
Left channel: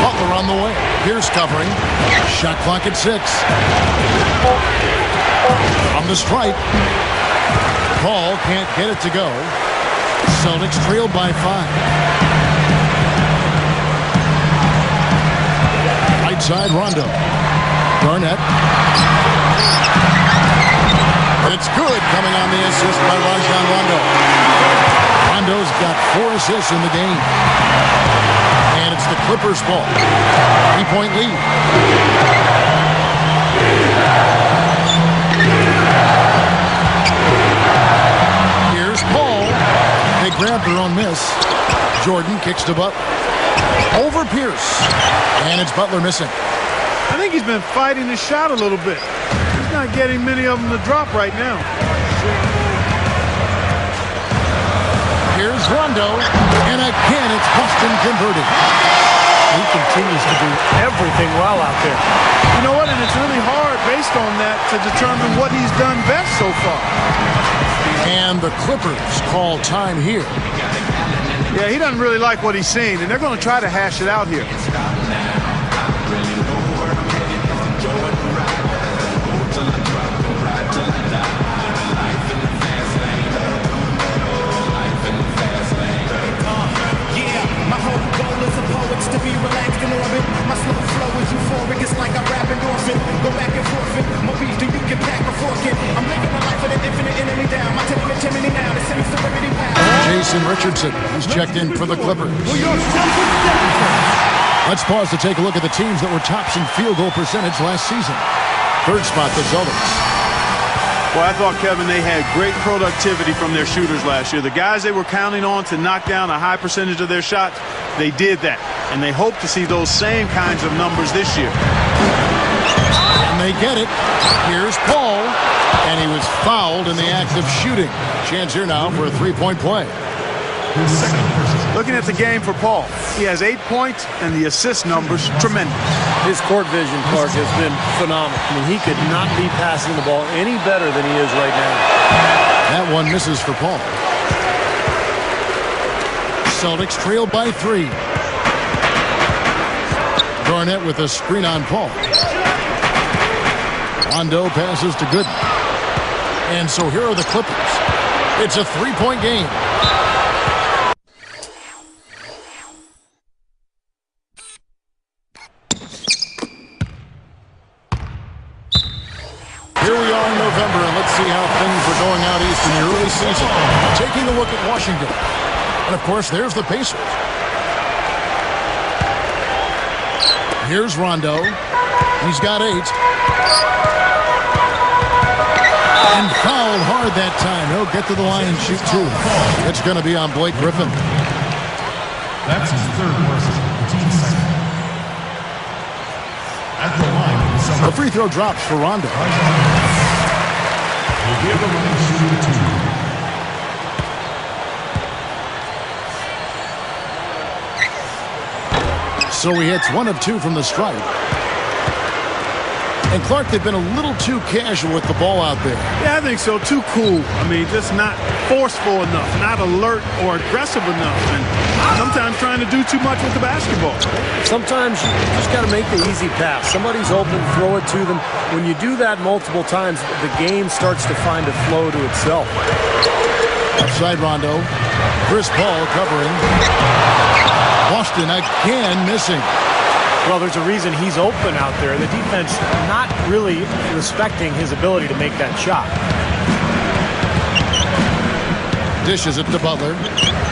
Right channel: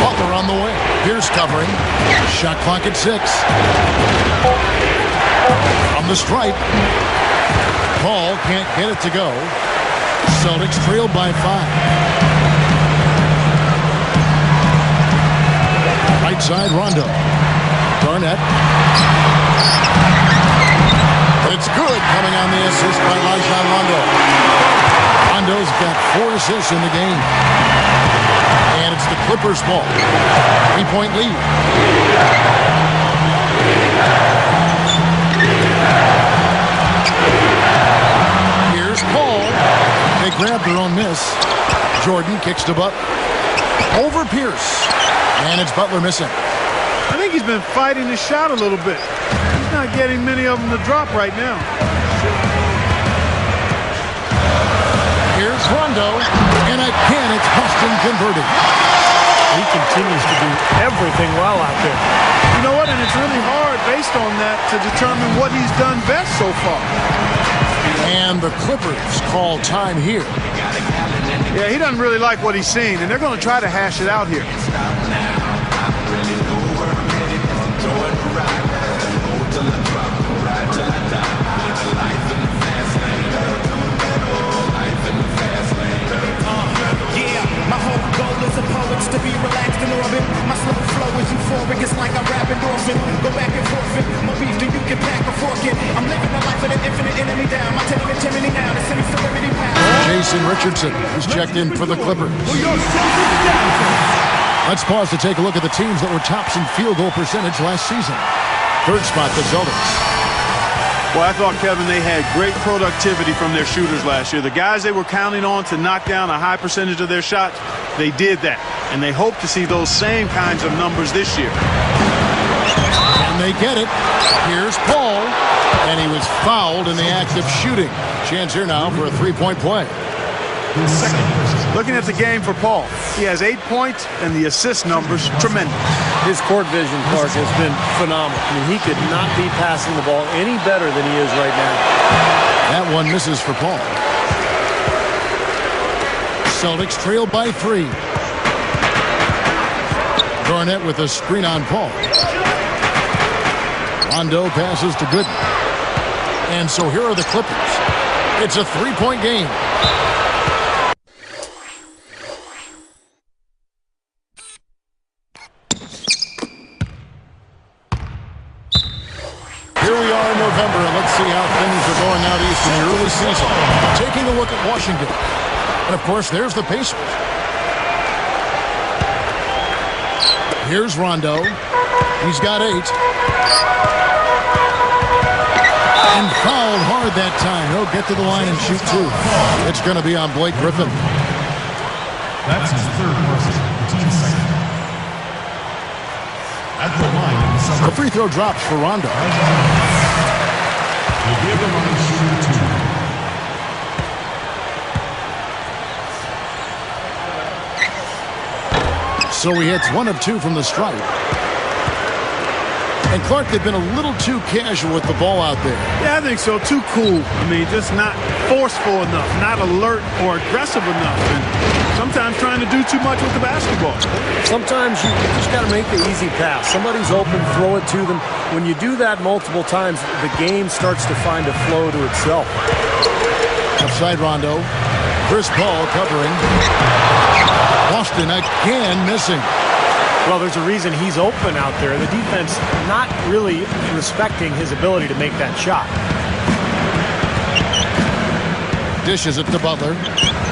Butler on the way. Pierce covering. Shot clock at 6. From the stripe. Paul can't get it to go. Celtics trailed by 5. Right side, Rondo. Garnett. And it's good coming on the assist by Rajon Rondo. Rondo's got 4 assists in the game. And it's the Clippers' ball. 3-point lead. Here's Paul. They grab their own miss. Jordan kicks to Butler. Over Pierce. And it's Butler missing. I think he's been fighting his shot a little bit. He's not getting many of them to drop right now. Here's Rondo. And again, it's Boston converting. He continues to do everything well out there. You know what? And it's really hard based on that to determine what he's done best so far. And the Clippers call time here. Yeah, he doesn't really like what he's seen, and they're going to try to hash it out here. Jason Richardson is checked in for the Clippers. Let's pause to take a look at the teams that were tops in field goal percentage last season. Third spot, the Celtics. Well, I thought, Kevin, they had great productivity from their shooters last year. The guys they were counting on to knock down a high percentage of their shots, they did that. And they hope to see those same kinds of numbers this year. And they get it. Here's Paul. And he was fouled in the act of shooting. Chance here now for a three-point play. Looking at the game for Paul, he has 8 points, and the assist numbers tremendous. His court vision, Clark, has been phenomenal. I mean, he could not be passing the ball any better than he is right now. That one misses for Paul. Celtics trail by 3. Garnett with a screen on Paul. Rondo passes to Gooden. And so here are the Clippers. It's a three-point game. Here we are in November, and let's see how things are going out east in the early season. Taking a look at Washington. And, of course, there's the Pacers. Here's Rondo. He's got 8. And fouled hard that time. He'll get to the line and shoot 2. It's going to be on Blake Griffin. That's his third personal, the team's second. At the line, The free throw drops for Rondo. he'll give the line shooting 2. So he hits 1 of 2 from the stripe. And Clark, they've been a little too casual with the ball out there. Yeah, I think so. Too cool. I mean, just not forceful enough, not alert or aggressive enough, and sometimes trying to do too much with the basketball. Sometimes you just got to make the easy pass. Somebody's open, throw it to them. When you do that multiple times, the game starts to find a flow to itself. Outside Rondo. Chris Paul covering. Boston again missing. Well, there's a reason he's open out there. The defense not really respecting his ability to make that shot. Dishes it to Butler.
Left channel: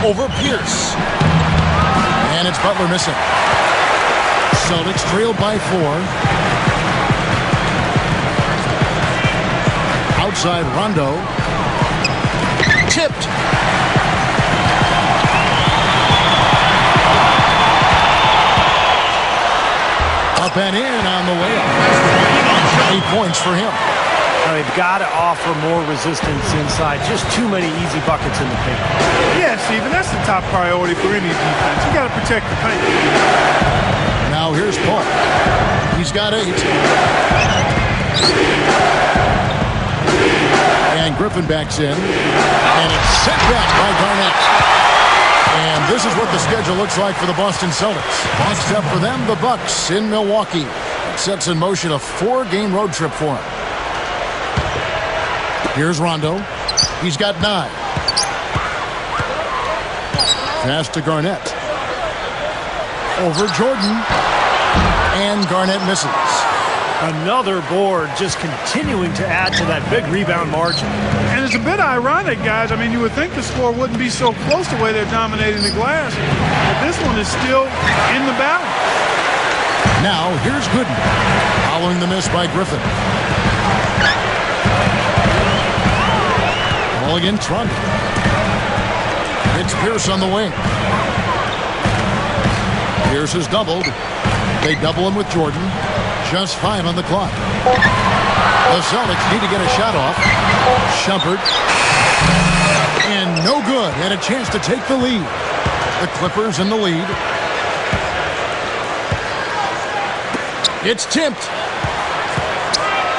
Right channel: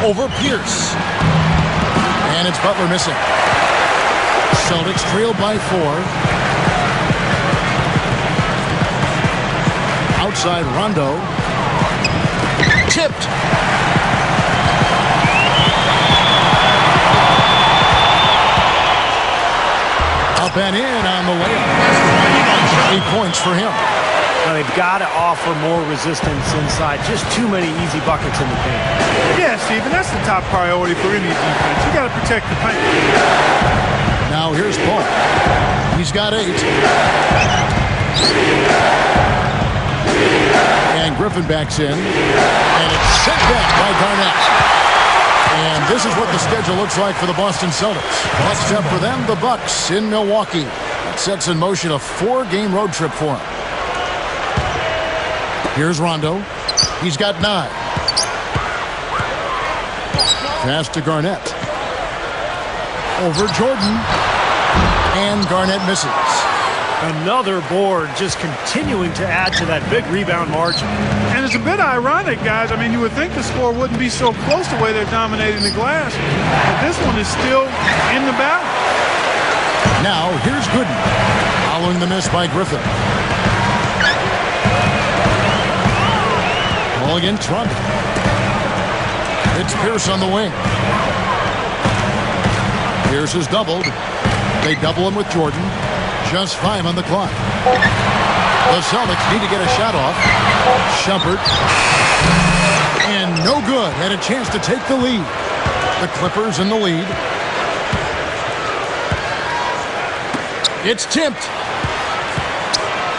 Over Pierce. And it's Butler missing. Celtics trail by 4. Outside Rondo. Tipped. Up and in on the layup. 8 points for him. Now they've got to offer more resistance inside. Just too many easy buckets in the paint. Yeah, Steve, and that's the top priority for any defense. You got to protect the paint. Now here's Paul. He's got 8. And Griffin backs in. And it's sent back by Garnett. And this is what the schedule looks like for the Boston Celtics. Next up for them, the Bucks in Milwaukee. That sets in motion a 4-game road trip for them. Here's Rondo. He's got 9. Pass to Garnett. Over Jordan. And Garnett misses. Another board, just continuing to add to that big rebound margin. And it's a bit ironic, guys. I mean, you would think the score wouldn't be so close the way they're dominating the glass, but this one is still in the balance. Now, here's Gooden, following the miss by Griffin. Ball against Rondo. It's Pierce on the wing. Pierce is doubled. They double him with Jordan. Just 5 on the clock. The Celtics need to get a shot off. Shumpert. And no good. Had a chance to take the lead. The Clippers in the lead. It's tipped.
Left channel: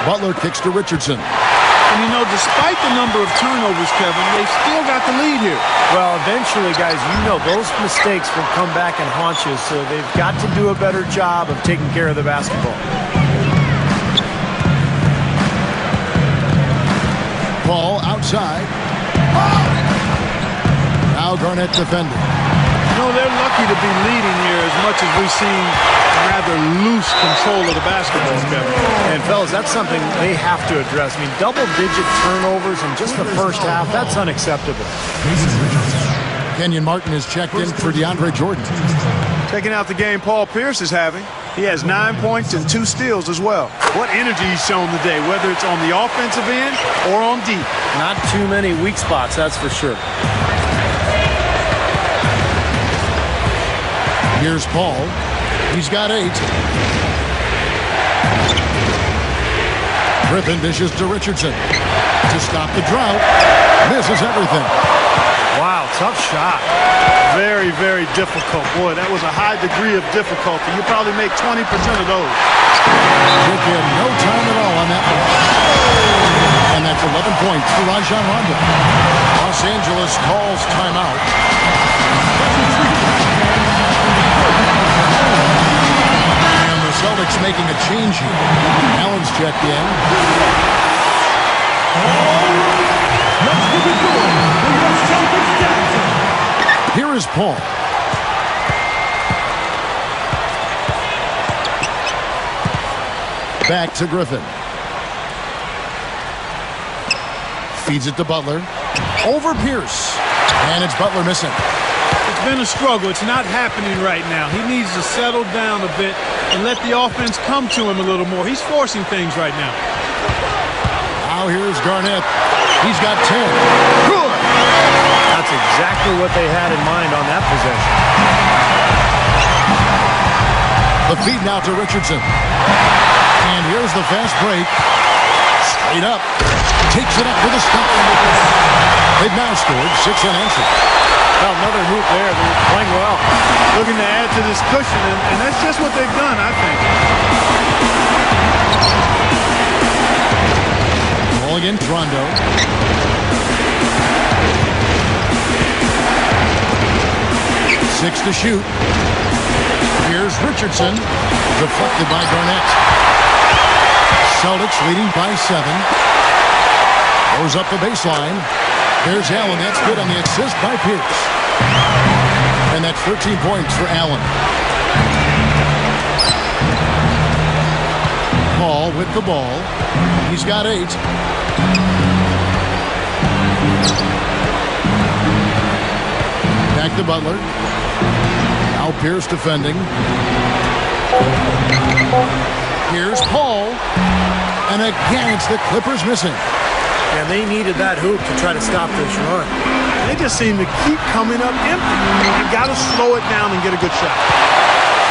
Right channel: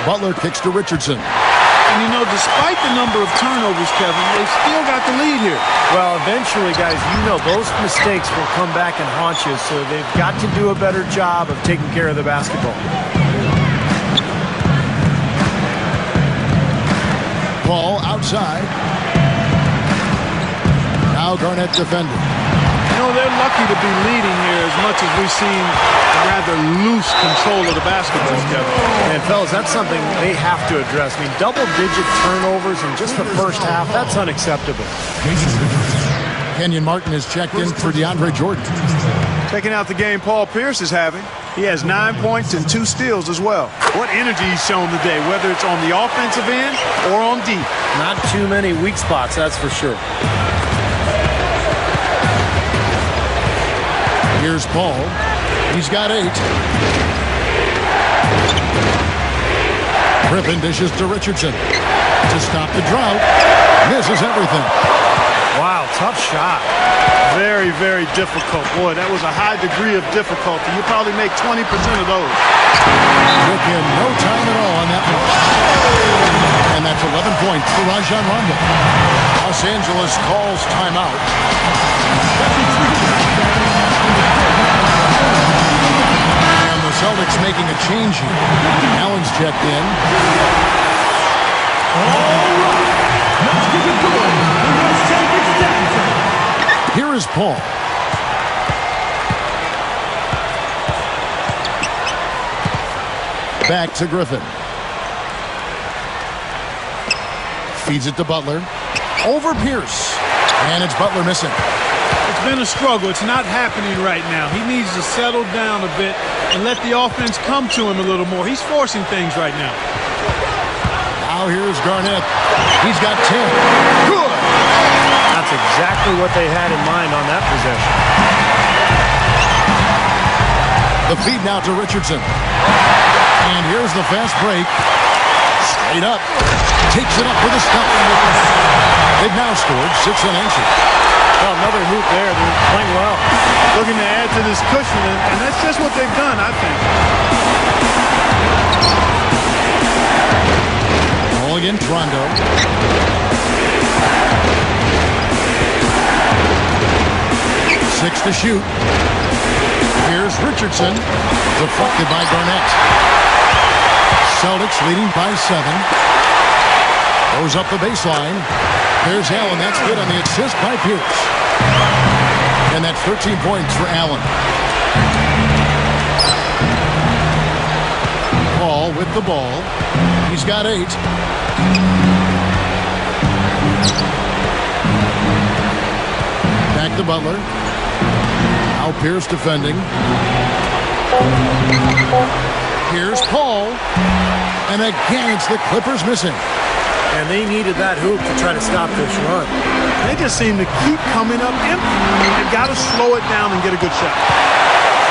Butler kicks to Richardson. And, you know, despite the number of turnovers, Kevin, they've still got the lead here. Well, eventually, guys, you know those mistakes will come back and haunt you, so they've got to do a better job of taking care of the basketball. Ball outside. Now Garnett defending. You know, they're lucky to be leading here as much as we've seen rather loose control of the basketball, Kevin. And, fellas, that's something they have to address. I mean, double-digit turnovers in just the first half, that's unacceptable. Kenyon Martin is checked in for DeAndre Jordan. Taking out the game Paul Pierce is having. He has 9 points and 2 steals as well. What energy he's shown today, whether it's on the offensive end or on deep. Not too many weak spots, that's for sure. Here's Paul. He's got 8. Griffin dishes to Richardson. To stop the drought. Misses everything. Wow, tough shot. Very, very difficult. Boy, that was a high degree of difficulty. You probably make 20% of those. Took him no time at all on that one. And that's 11 points for Rajon Rondo. Los Angeles calls timeout. And the Celtics making a change here. Allen's checked in. Here is Paul. Back to Griffin. Feeds it to Butler. Over Pierce. And it's Butler missing. It's been a struggle. It's not happening right now. He needs to settle down a bit and let the offense come to him a little more. He's forcing things right now. Now here's Garnett. He's got 10. Good. That's exactly what they had in mind on that possession. The feed now to Richardson. And here's the fast break. Straight up. Takes it up with a stop. They've now scored 6 unanswered. Well, another hoop there. They're playing well. Looking to add to this cushion, and that's just what they've done, I think. Ball against Rondo. Six to shoot. Here's Richardson. Deflected by Garnett. Celtics leading by 7. Goes up the baseline. There's Allen. That's good on the assist by Pierce. And that's 13 points for Allen. Paul with the ball. He's got 8. Back to Butler. Now Pierce defending. Here's Paul. And again, it's the Clippers missing. And they needed that hoop to try to stop this run. They just seem to keep coming up empty. They've got to slow it down and get a good shot.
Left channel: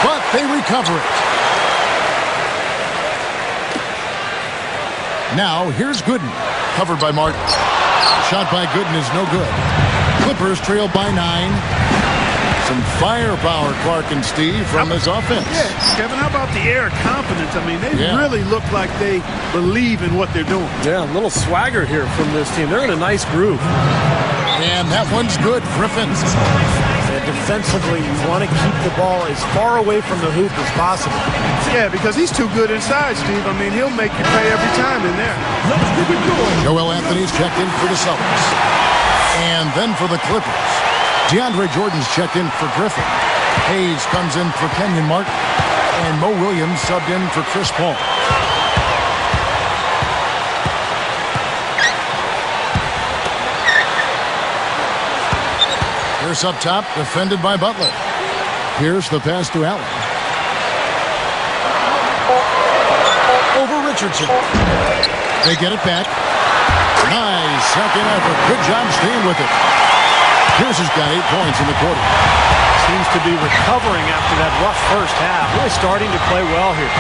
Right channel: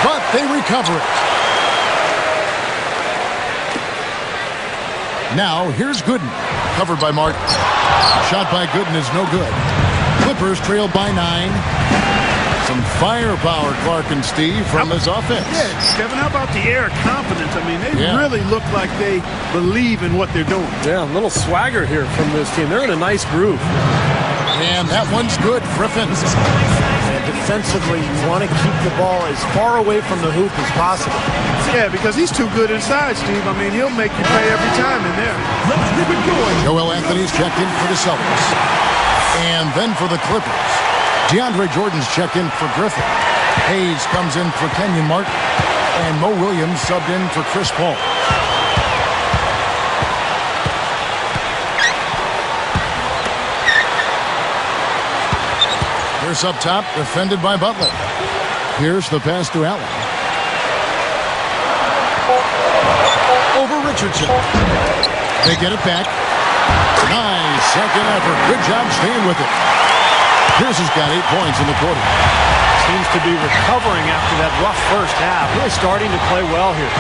But they recover it. Now, here's Gooden. Covered by Martin. Shot by Gooden is no good. Clippers trail by 9. Some firepower, Clark and Steve, from his offense. Yeah, Kevin, how about the air of confidence? I mean, they really look like they believe in what they're doing. Yeah, a little swagger here from this team. They're in a nice groove. And that one's good, Griffin. And defensively, you want to keep the ball as far away from the hoop as possible. Yeah, because he's too good inside, Steve. I mean, he'll make you pay every time in there. Joel Anthony's checked in for the Celtics. And then for the Clippers. DeAndre Jordan's checked in for Griffin. Hayes comes in for Kenyon Martin. And Mo Williams subbed in for Chris Paul. Pierce up top, defended by Butler. Pierce the pass to Allen. Over Richardson. They get it back. Nice second effort. Good job staying with it. Pierce has got 8 points in the quarter. Seems to be recovering after that rough first half. Really starting to play well here.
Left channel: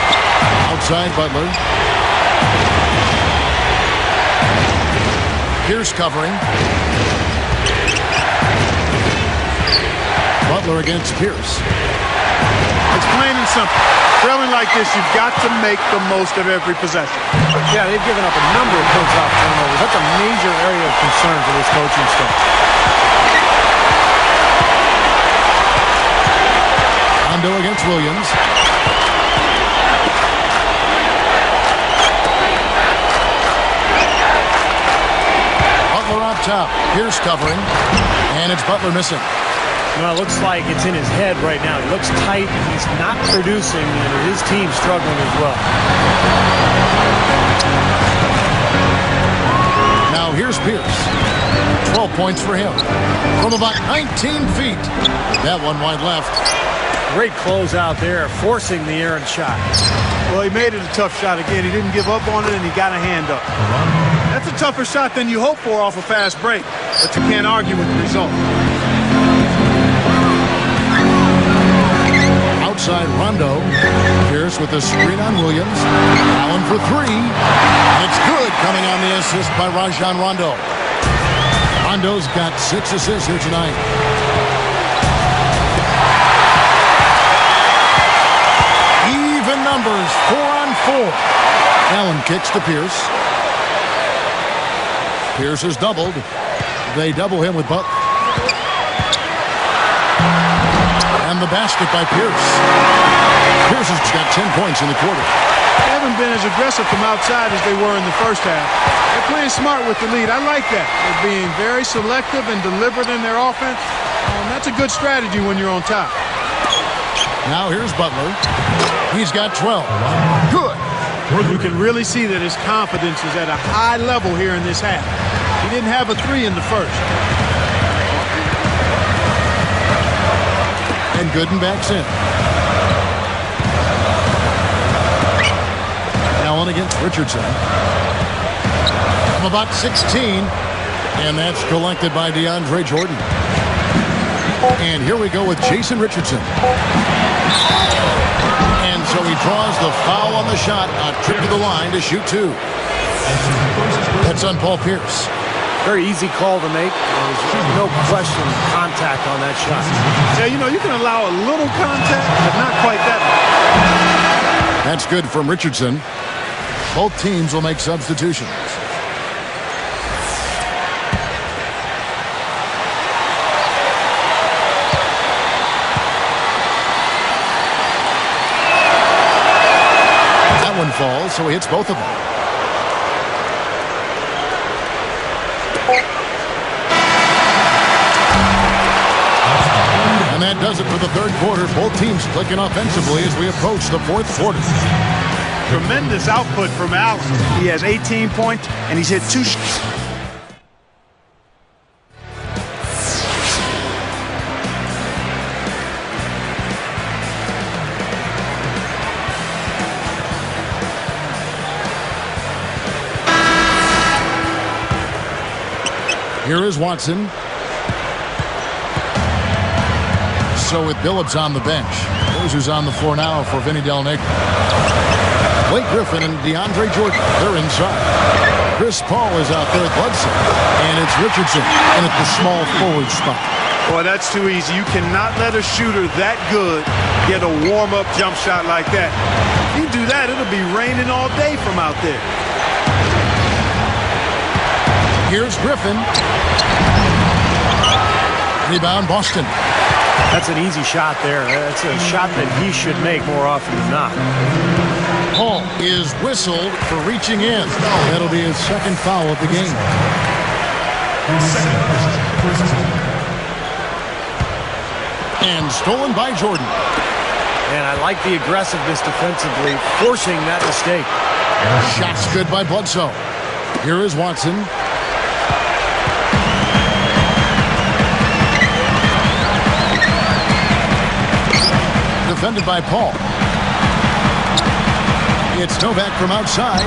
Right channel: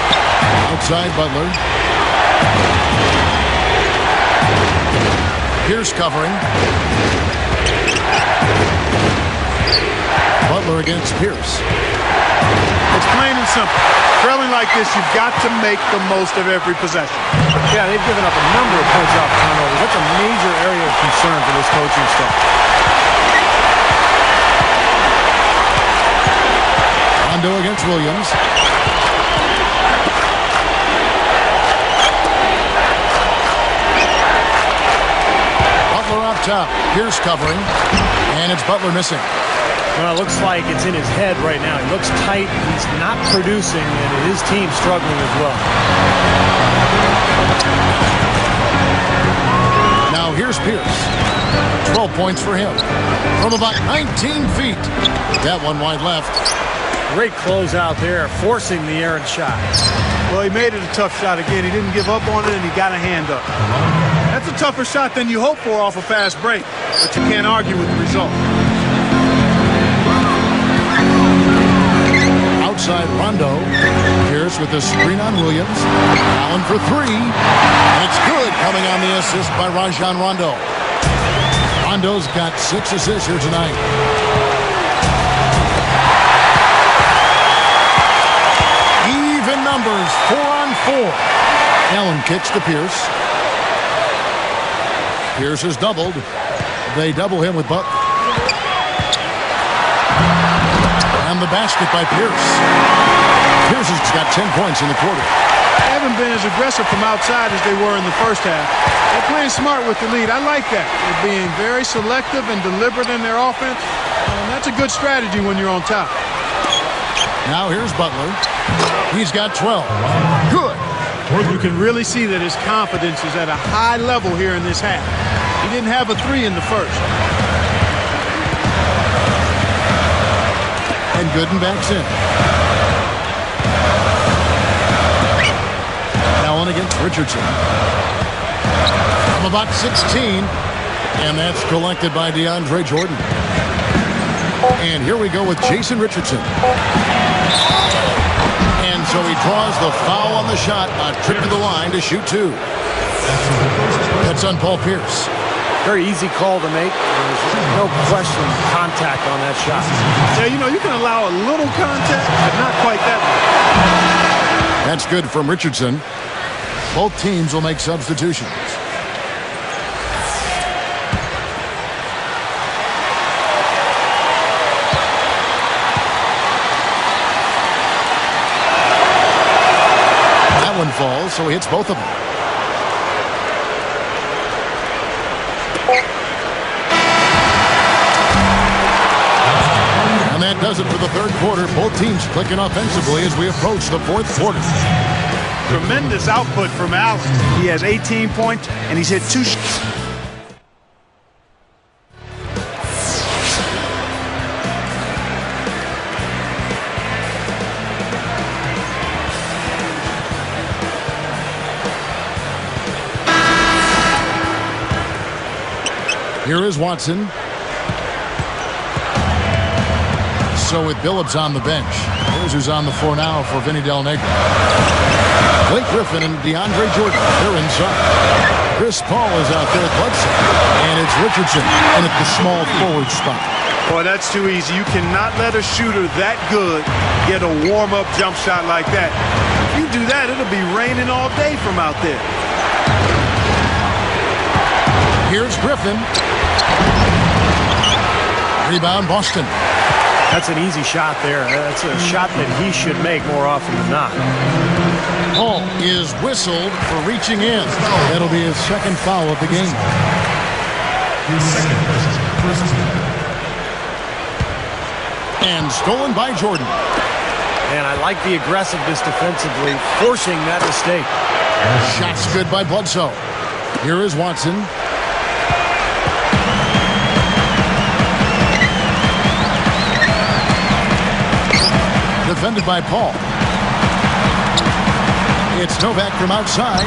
Outside Butler. Pierce covering. Butler against Pierce. It's plain and simple. Trailing like this, you've got to make the most of every possession. Yeah, they've given up a number of points off turnovers. That's a major area of concern for this coaching staff. Rondo against Williams. Butler up top. Pierce covering. And it's Butler missing. Well, it looks like it's in his head right now. He looks tight. He's not producing, and his team's struggling as well. Now here's Pierce. 12 points for him. From about 19 feet. That one wide left. Great close out there, forcing the errant shot. Well, he made it a tough shot again. He didn't give up on it, and he got a hand up. That's a tougher shot than you hope for off a fast break, but you can't argue with the result. Outside Rondo. Pierce with the screen on Williams. Allen for three. And it's good, coming on the assist by Rajon Rondo. Rondo's got 6 assists here tonight. Even numbers, 4-on-4. Allen kicks to Pierce. Pierce is doubled. They double him with Butler. And the basket by Pierce. Pierce has got 10 points in the quarter. They haven't been as aggressive from outside as they were in the first half. They're playing smart with the lead. I like that. They're being very selective and deliberate in their offense. That's a good strategy when you're on top. Now here's Butler. He's got 12. Good. You can really see that his confidence is at a high level here in this half. He didn't have a 3 in the first. And Gooden backs in. Allen against Richardson. From about 16. And that's collected by DeAndre Jordan. And here we go with Jason Richardson. And so he draws the foul on the shot. A trip to the line to shoot 2. That's on Paul Pierce. Very easy call to make. There's no question contact on that shot. Yeah, you can allow a little contact, but not quite that much. That's good from Richardson. Both teams will make substitutions. That one falls, so he hits both of them. And that does it for the third quarter. Both teams clicking offensively as we approach the fourth quarter. Tremendous output from Allen. He has 18 points, and he's hit 2 shots. Here is Watson. So with Billups on the bench, here's who's on the floor now for Vinny Del Negro. Blake Griffin and DeAndre Jordan, they're inside. Chris Paul is out there at Bledsoe. And it's Richardson in at the small forward spot. Boy, that's too easy. You cannot let a shooter that good get a warm-up jump shot like that. If you do that, it'll be raining all day from out there. Here's Griffin. Rebound, Boston. That's an easy shot there. That's a shot that he should make more often than not. Paul is whistled for reaching in. That'll be his second foul of the game. And stolen by Jordan. And I like the aggressiveness defensively, forcing that mistake. Shots good by Bledsoe. Here is Watson. defended by Paul. It's Novak from outside.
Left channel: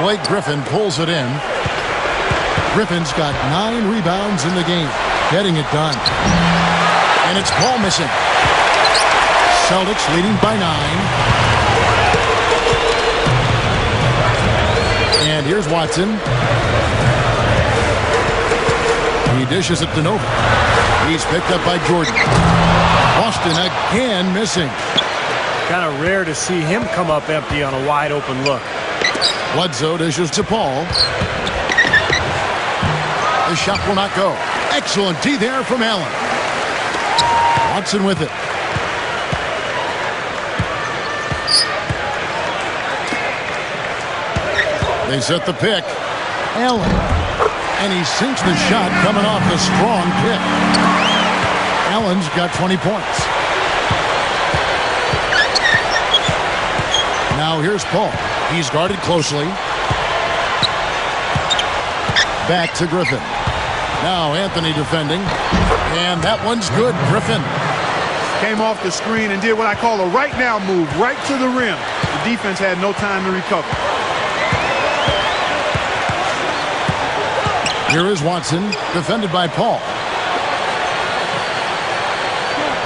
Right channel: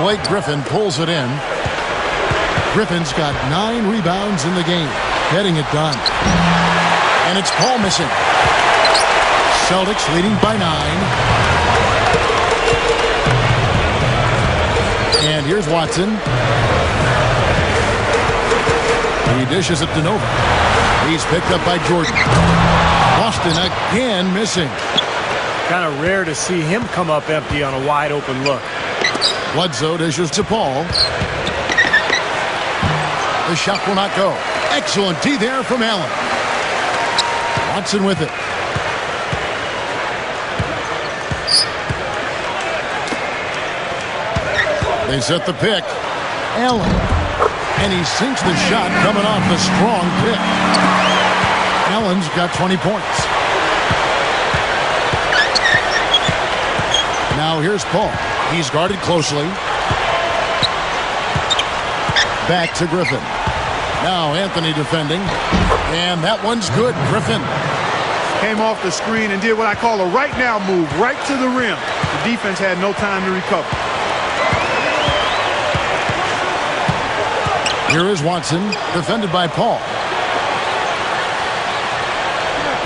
Blake Griffin pulls it in. Griffin's got 9 rebounds in the game, getting it done. And it's Paul missing. Celtics leading by 9. And here's Watson. He dishes it to Novak. He's picked up by Jordan. Boston again missing. Kind of rare to see him come up empty on a wide open look. Bledsoe dishes to Paul. The shot will not go. Excellent D there from Allen. Watson with it. They set the pick. Allen. And he sinks the shot coming off the strong pick. Allen's got 20 points. Now here's Paul. He's guarded closely. Back to Griffin. Now Anthony defending. And that one's good. Griffin. Came off the screen and did what I call a right now move, right to the rim. The defense had no time to recover. Here is Watson, defended by Paul.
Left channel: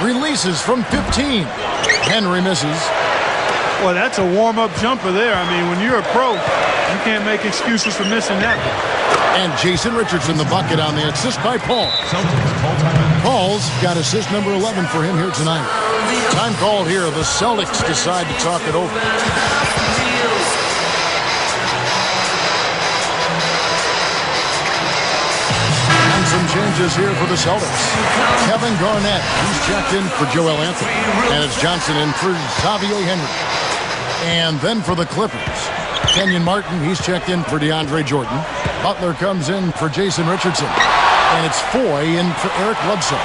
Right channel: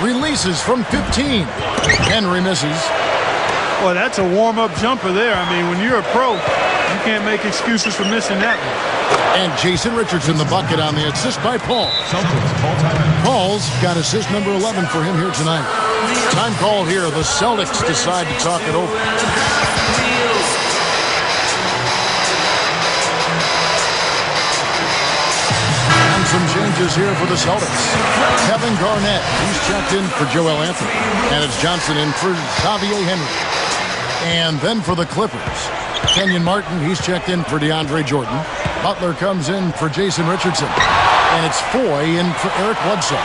Releases from 15. Henry misses. Well, that's a warm-up jumper there. I mean, when you're a pro, you can't make excuses for missing that one. And Jason Richardson the bucket on the assist by Paul. Paul's got assist number 11 for him here tonight. Time called here. The Celtics decide to talk it over. And some changes here for the Celtics. Kevin Garnett, he's checked in for Joel Anthony. And it's Johnson in for Xavier Henry. And then for the Clippers, Kenyon Martin, he's checked in for DeAndre Jordan. Butler comes in for Jason Richardson. And it's Foy in for Eric Bledsoe.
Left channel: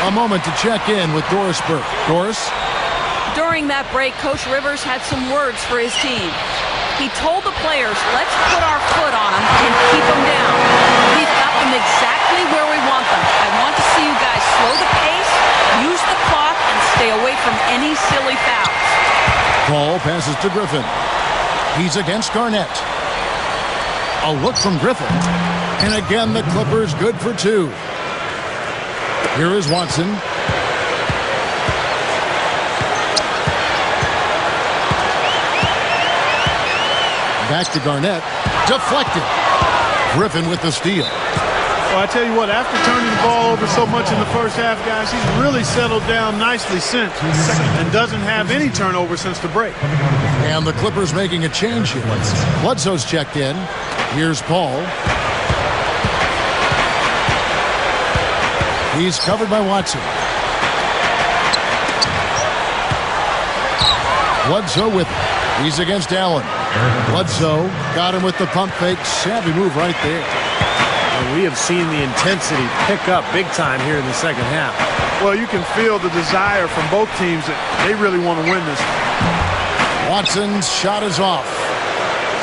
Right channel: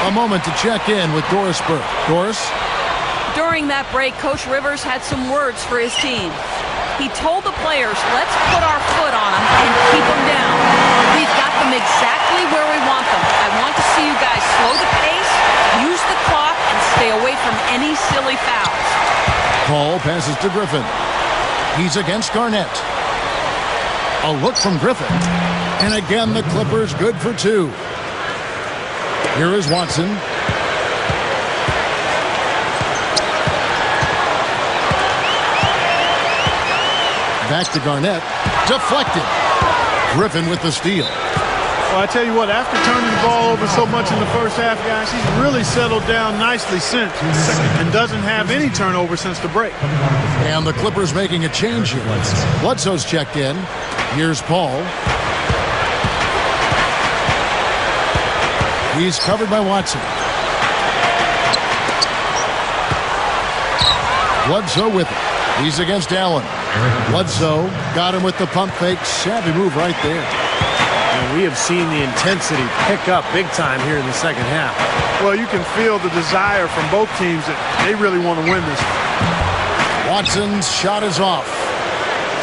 A moment to check in with Doris Burke. Doris? During that break, Coach Rivers had some words for his team. He told the players, let's put our foot on them and keep them down. We've got them exactly where we want them. I want to see you guys slow the pace, use the clock, and stay away from any silly fouls. Paul passes to Griffin. He's against Garnett. A look from Griffin. And again, the Clippers good for 2. Here is Watson. Back to Garnett. Deflected. Griffin with the steal. Well, I tell you what, after turning the ball over so much in the first half, guys, he's really settled down nicely since and doesn't have any turnover since the break. And the Clippers making a change here. Bledsoe's checked in. Here's Paul. He's covered by Watson. Bledsoe with it. He's against Allen. Bledsoe got him with the pump fake. Savvy move right there. And we have seen the intensity pick up big time here in the second half. Well, you can feel the desire from both teams that they really want to win this one. Watson's shot is off.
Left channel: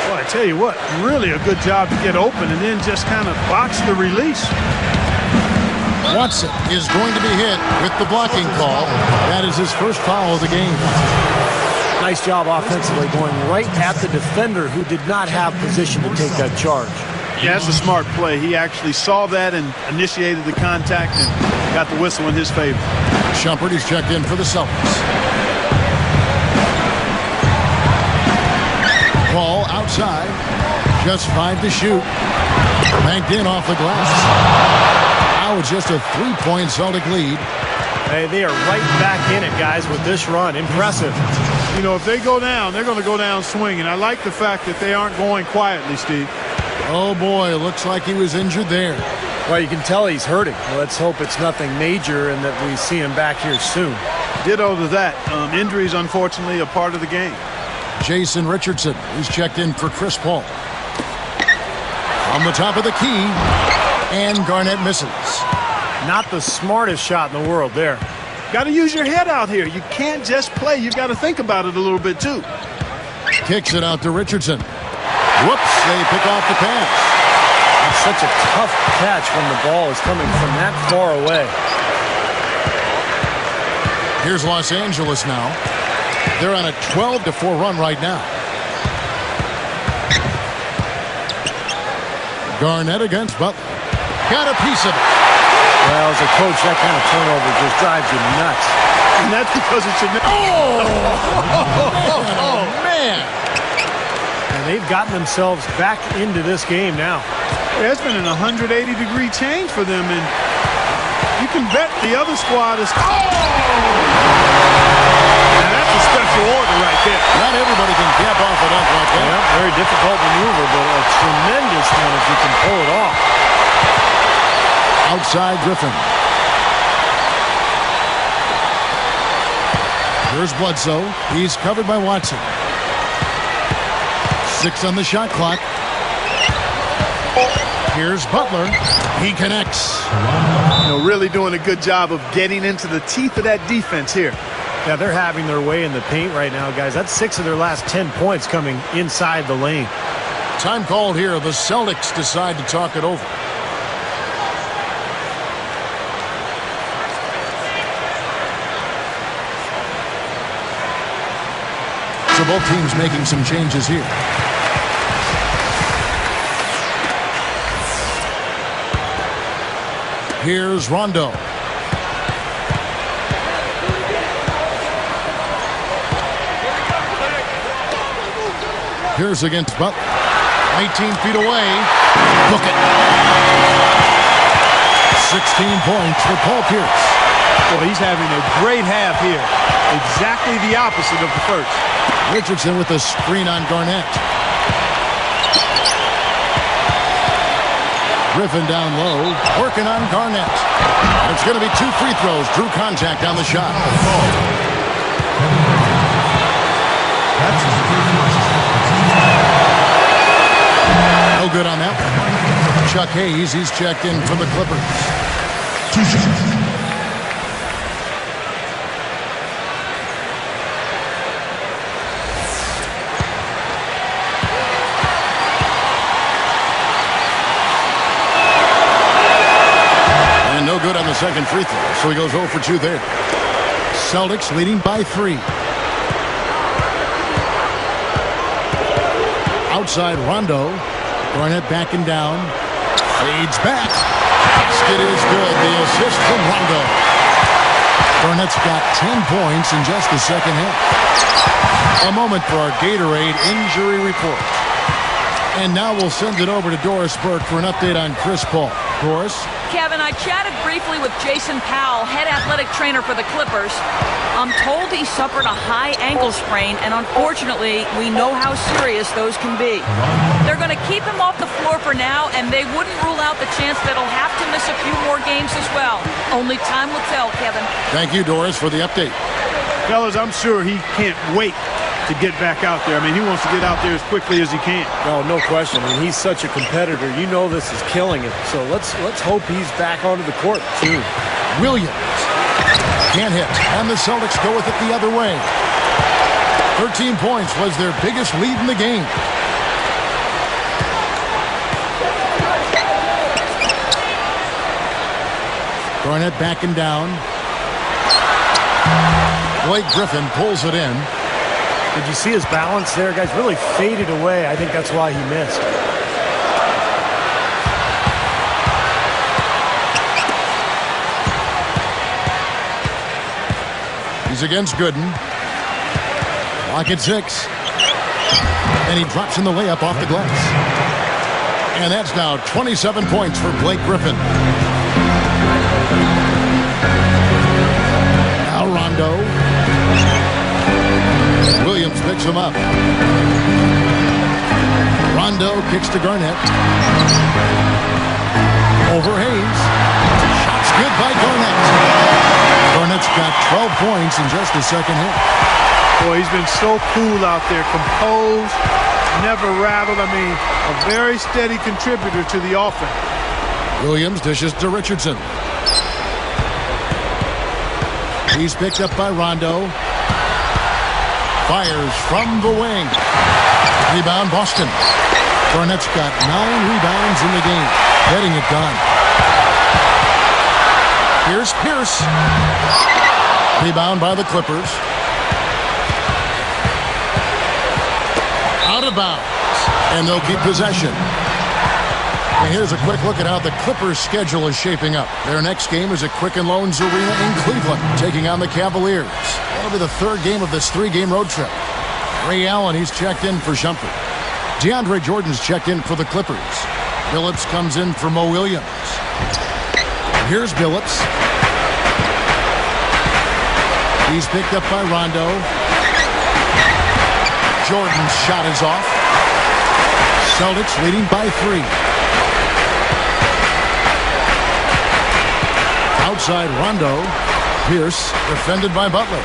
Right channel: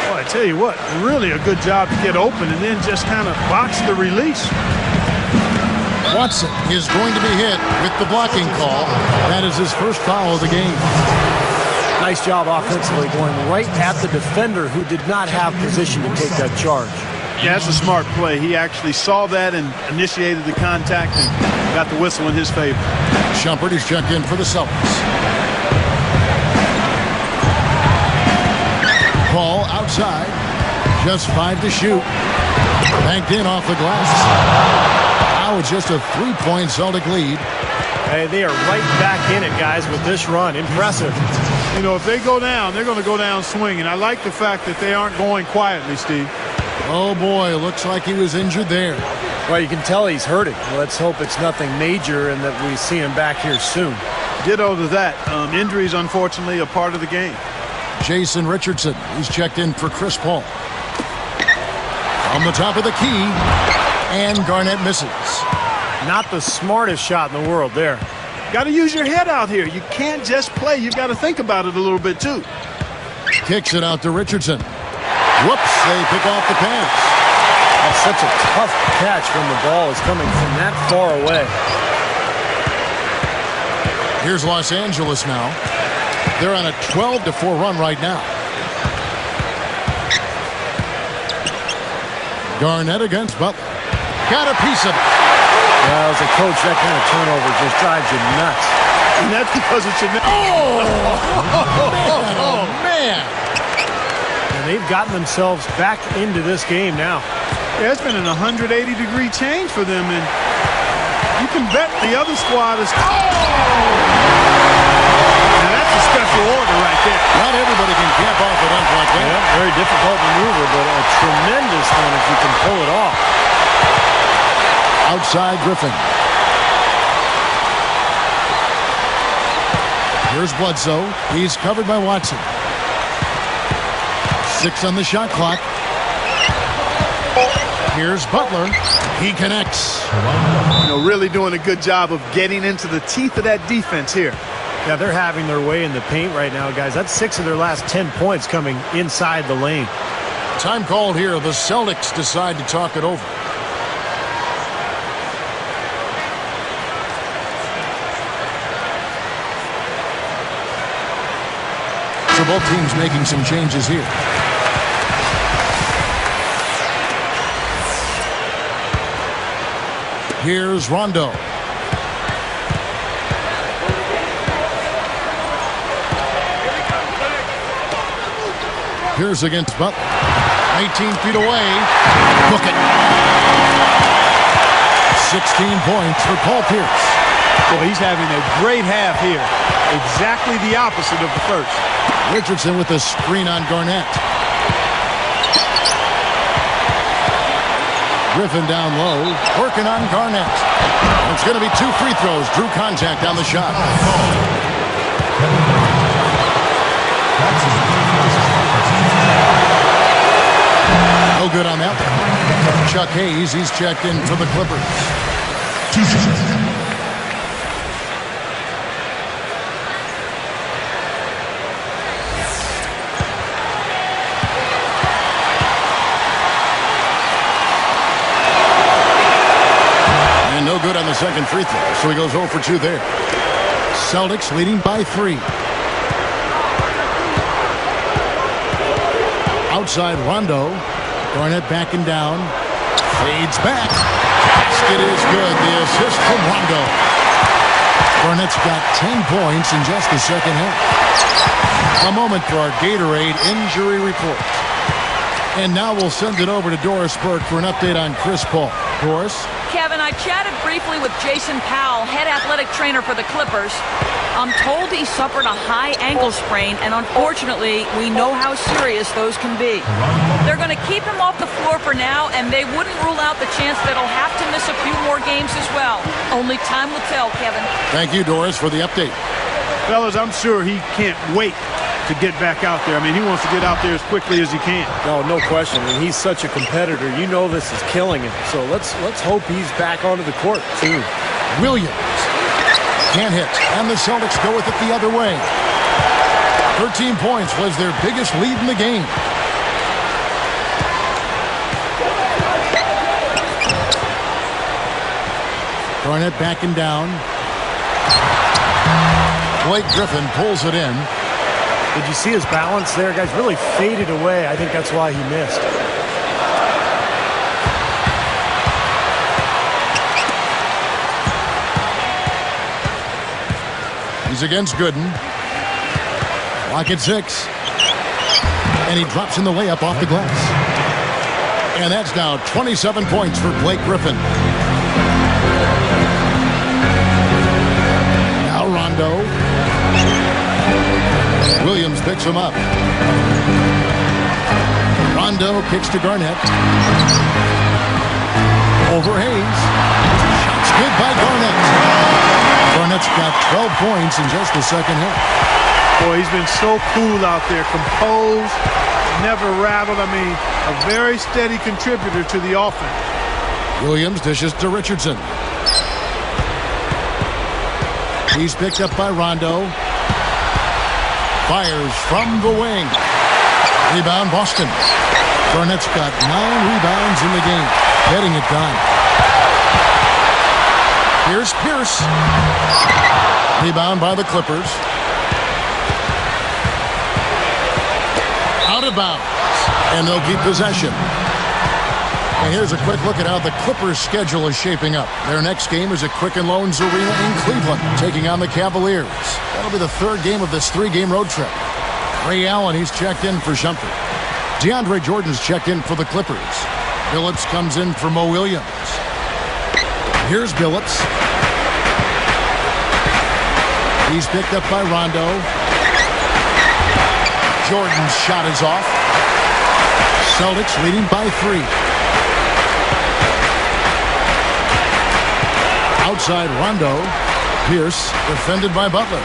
Well, I tell you what, really a good job to get open and then just kind of botch the release. Watson is going to be hit with the blocking call. That is his first foul of the game. Nice job offensively, going right at the defender who did not have position to take that charge. Yeah, that's a smart play. He actually saw that and initiated the contact and got the whistle in his favor. Shumpert is checked in for the Celtics. Paul outside. Just 5 to shoot. Banked in off the glass. Now it's just a 3-point Celtic lead. Hey, they are right back in it, guys, with this run. Impressive. You know, if they go down, they're going to go down swinging. I like the fact that they aren't going quietly, Steve. Oh, boy, looks like he was injured there. Well, you can tell he's hurting. Let's hope it's nothing major and that we see him back here soon. Ditto to that. Injuries, unfortunately, a part of the game. Jason Richardson, he's checked in for Chris Paul. From the top of the key, and Garnett misses. Not the smartest shot in the world there. Got to use your head out here. You can't just play. You've got to think about it a little bit, too. Kicks it out to Richardson. Whoops, they pick off the pass. That's such a tough catch when the ball is coming from that far away. Here's Los Angeles now. They're on a 12-4 run right now. Garnett against Butler. Got a piece of it. Well, as a coach, that kind of turnover just drives you nuts. And that's because it's a... Oh, man. And they've gotten themselves back into this game now. Yeah, it's been an 180-degree change for them, and you can bet the other squad is... Now that's a special order right there. Not everybody can cap off a dunk like that. Yeah, very difficult maneuver, but a tremendous one if you can pull it off. Outside Griffin. Here's Bledsoe. He's covered by Watson. 6 on the shot clock. Here's Butler. He connects. You know, really doing a good job of getting into the teeth of that defense here. Yeah, they're having their way in the paint right now, guys. That's 6 of their last 10 points coming inside the lane. Time called here. The Celtics decide to talk it over. So both teams making some changes here. Here's Rondo. Pierce against Butler. 19 feet away. Book it. 16 points for Paul Pierce. Boy, he's having a great half here. Exactly the opposite of the first. Richardson with the screen on Garnett. Griffin down low, working on Garnett. And it's going to be 2 free throws. Drew contact on the shot. No good on that one. Chuck Hayes, he's checked in for the Clippers. And no good on the second free throw, so he goes 0 for 2 there. Celtics leading by 3. Outside Rondo. Garnett backing down. Fades back. Basket is good. The assist from Rondo. Garnett's got 10 points in just the second half. A moment for our Gatorade injury report. And now we'll send it over to Doris Burke for an update on Chris Paul. Doris? Kevin, I chatted briefly with Jason Powell, head athletic trainer for the Clippers. I'm told he suffered a high ankle sprain, and unfortunately, we know how serious those can be. They're going to keep him off the floor for now, and they wouldn't rule out the chance that he'll have to miss a few more games as well. Only time will tell, Kevin. Thank you, Doris, for the update. Fellas, I'm sure he can't wait to get back out there. I mean, he wants to get out there as quickly as he can. No question. I mean, he's such a competitor. You know this is killing him. So let's hope he's back onto the court soon. Williams can't hit, and the Celtics go with it the other way. 13 points was their biggest lead in the game. Garnett backing down. Blake Griffin pulls it in. Did you see his balance there, guys? Really faded away. I think that's why he missed. He's against Gooden. Clock at 6. And he drops in the layup off the glass. And that's now 27 points for Blake Griffin. Now Rondo. Williams picks him up. Rondo kicks to Garnett. Over Hayes. Shots good by Garnett. Garnett's got 12 points in just the second half. Boy, he's been so cool out there. Composed, never rattled. I mean, a very steady contributor to the offense. Williams dishes to Richardson. He's picked up by Rondo. Fires from the wing. Rebound Boston. Garnett's got 9 rebounds in the game. Getting it done. Here's Pierce. Rebound by the Clippers. Out of bounds. And they'll keep possession. And here's a quick look at how the Clippers' schedule is shaping up. Their next game is at Quicken Loans Arena in Cleveland, taking on the Cavaliers. That'll be the third game of this three-game road trip. Ray Allen, he's checked in for Shumpert. DeAndre Jordan's checked in for the Clippers. Billups comes in for Mo Williams. Here's Billups. He's picked up by Rondo. Jordan's shot is off. Celtics leading by 3. Outside Rondo. Pierce defended by Butler.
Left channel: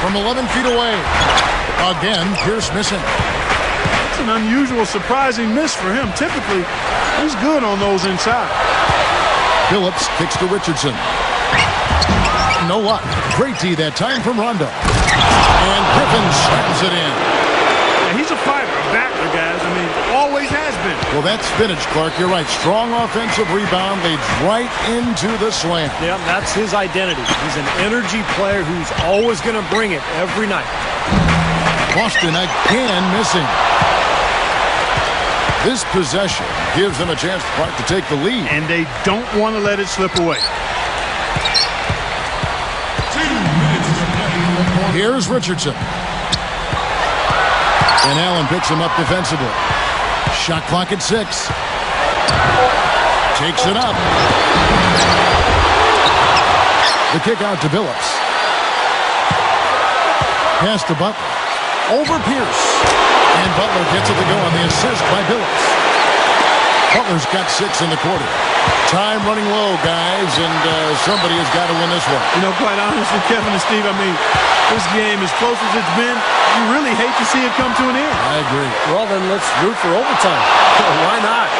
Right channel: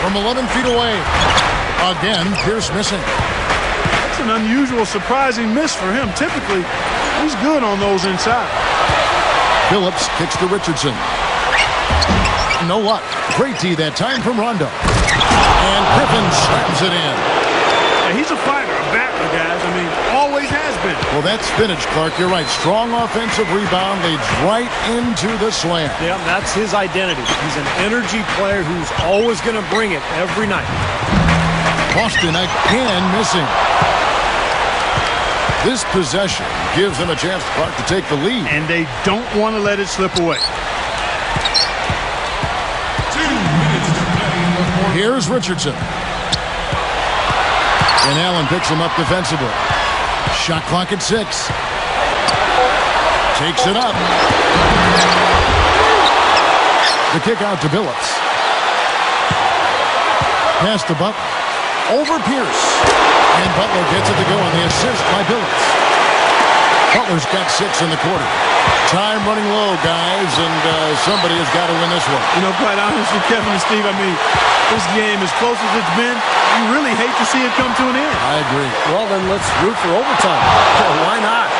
From 11 feet away. Again, Pierce missing. That's an unusual, surprising miss for him. Typically, he's good on those inside. Billups kicks to Richardson. No luck. Great D that time from Rondo. And Griffin slams it in. Yeah, he's a fighter, a battler, guys. I mean, always has been. Well, that's vintage, Clark. You're right. Strong offensive rebound leads right into the slam. Yeah, that's his identity. He's an energy player who's always going to bring it every night. Boston again missing. This possession gives them a chance, Clark, to take the lead. And they don't want to let it slip away. Here's Richardson. And Allen picks him up defensively. Shot clock at 6. Takes it up. The kick out to Billups. Pass to Butler. Over Pierce. And Butler gets it to go on the assist by Billups. Butler's got 6 in the quarter. Time running low, guys, and somebody has got to win this one. You know, quite honestly, Kevin and Steve, I mean, this game, as close as it's been, you really hate to see it come to an end. I agree. Well, then let's root for overtime. Why not?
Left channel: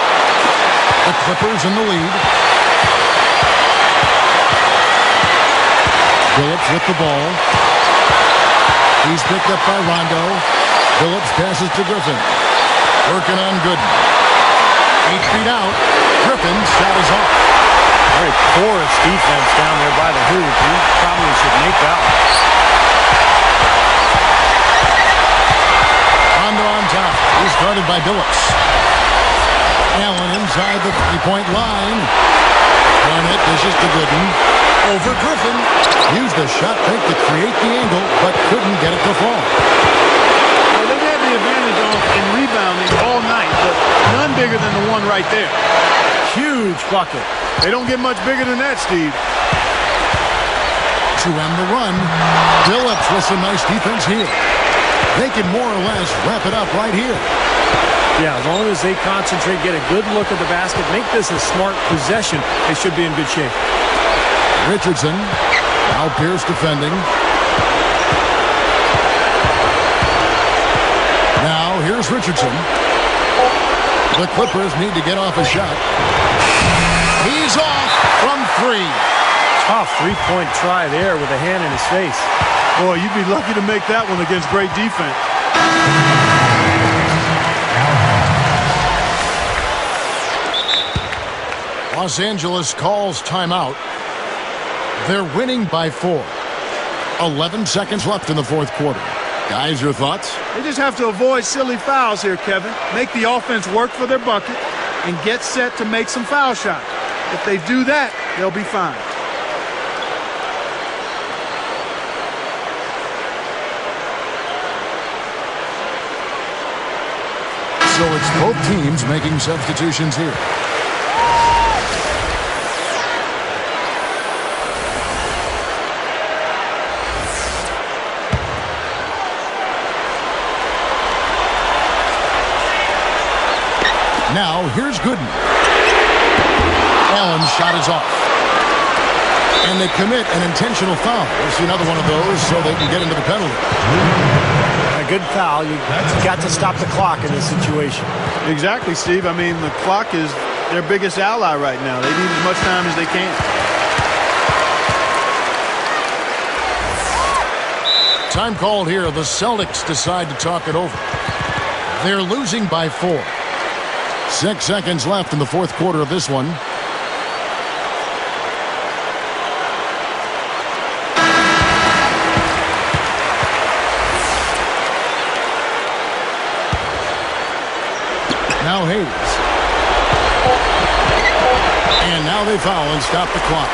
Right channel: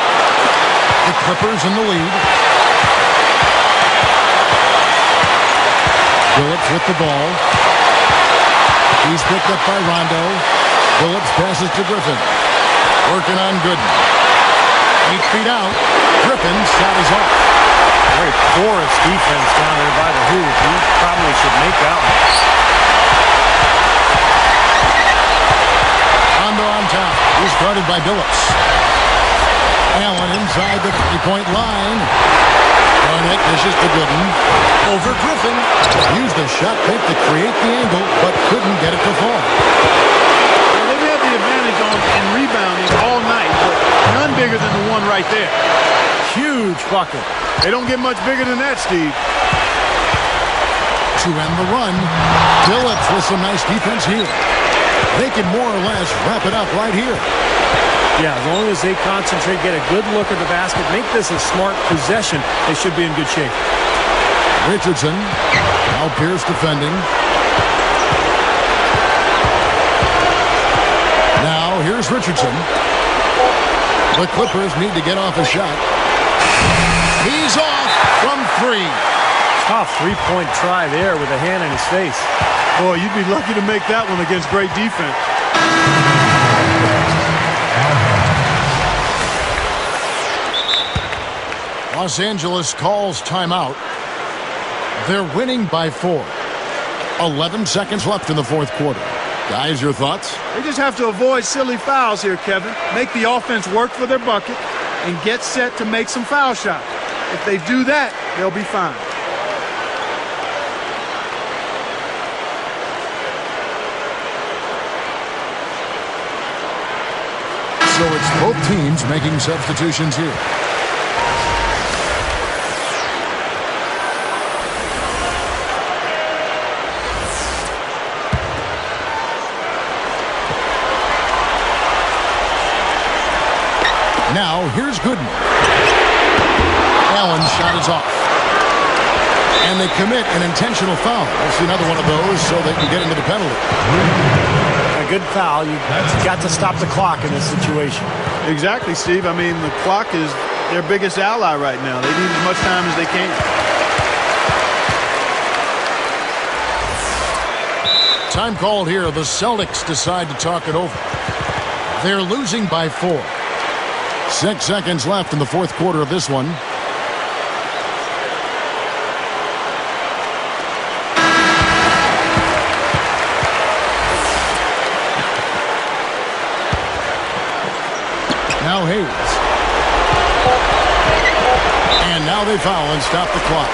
The Clippers in the lead. Billups with the ball. He's picked up by Rondo. Billups passes to Griffin. Working on Gooden. 8 feet out. Griffin's shot is off. Very porous defense down there by the hoop. He probably should make that one. Rondo on top. He's guarded by Billups. Allen inside the three-point line. Garnett dishes to Gooden. Over Griffin. Used the shot fake to create the angle, but couldn't get it to fall. Well, they've had the advantage in rebounding all night, but none bigger than the one right there. Huge bucket. They don't get much bigger than that, Steve. To end the run, Billups with some nice defense here. They can more or less wrap it up right here. Yeah, as long as they concentrate, get a good look at the basket, make this a smart possession, they should be in good shape. Richardson, now Pierce defending. Now here's Richardson. The Clippers need to get off a shot. He's off from 3. Tough three-point try there with a hand in his face. Boy, you'd be lucky to make that one against great defense. Los Angeles calls timeout. They're winning by 4. 11 seconds left in the fourth quarter. Guys, your thoughts? They just have to avoid silly fouls here, Kevin. Make the offense work for their bucket and get set to make some foul shots. If they do that, they'll be fine. So it's both teams making substitutions here. Now, here's Gooden. Allen's shot is off. And they commit an intentional foul. We'll see another one of those so they can get into the penalty. A good foul. You got to stop the clock in this situation. Exactly, Steve. I mean, the clock is their biggest ally right now. They need as much time as they can. Time called here. The Celtics decide to talk it over. They're losing by 4. 6 seconds left in the fourth quarter of this one. Now Hayes. And now they foul and stop the clock.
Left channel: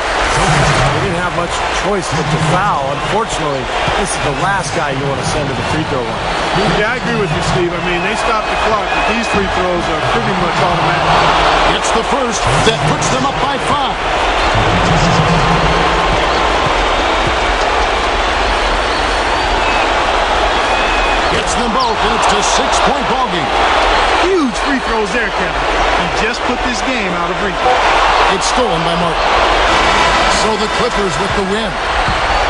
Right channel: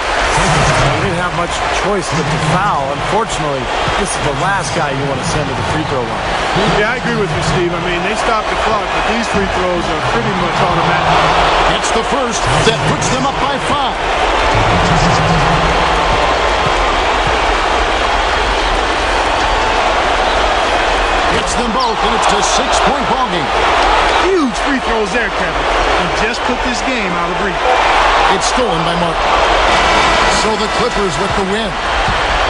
He didn't have much choice but to foul. Unfortunately, this is the last guy you want to send to the free throw line. Yeah, I agree with you, Steve. I mean, they stopped the clock, but these free throws are pretty much automatic. Gets the first. That puts them up by 5. Gets them both, and it's a 6-point ball game. Huge free throws there, Kevin. He just put this game out of reach. It's stolen by Martin. So the Clippers with the win.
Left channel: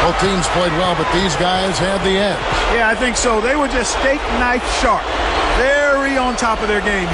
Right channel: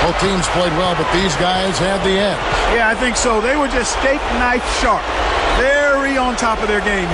Both teams played well, but these guys had the edge. Yeah, I think so. They were just steak knife sharp. Very on top of their game.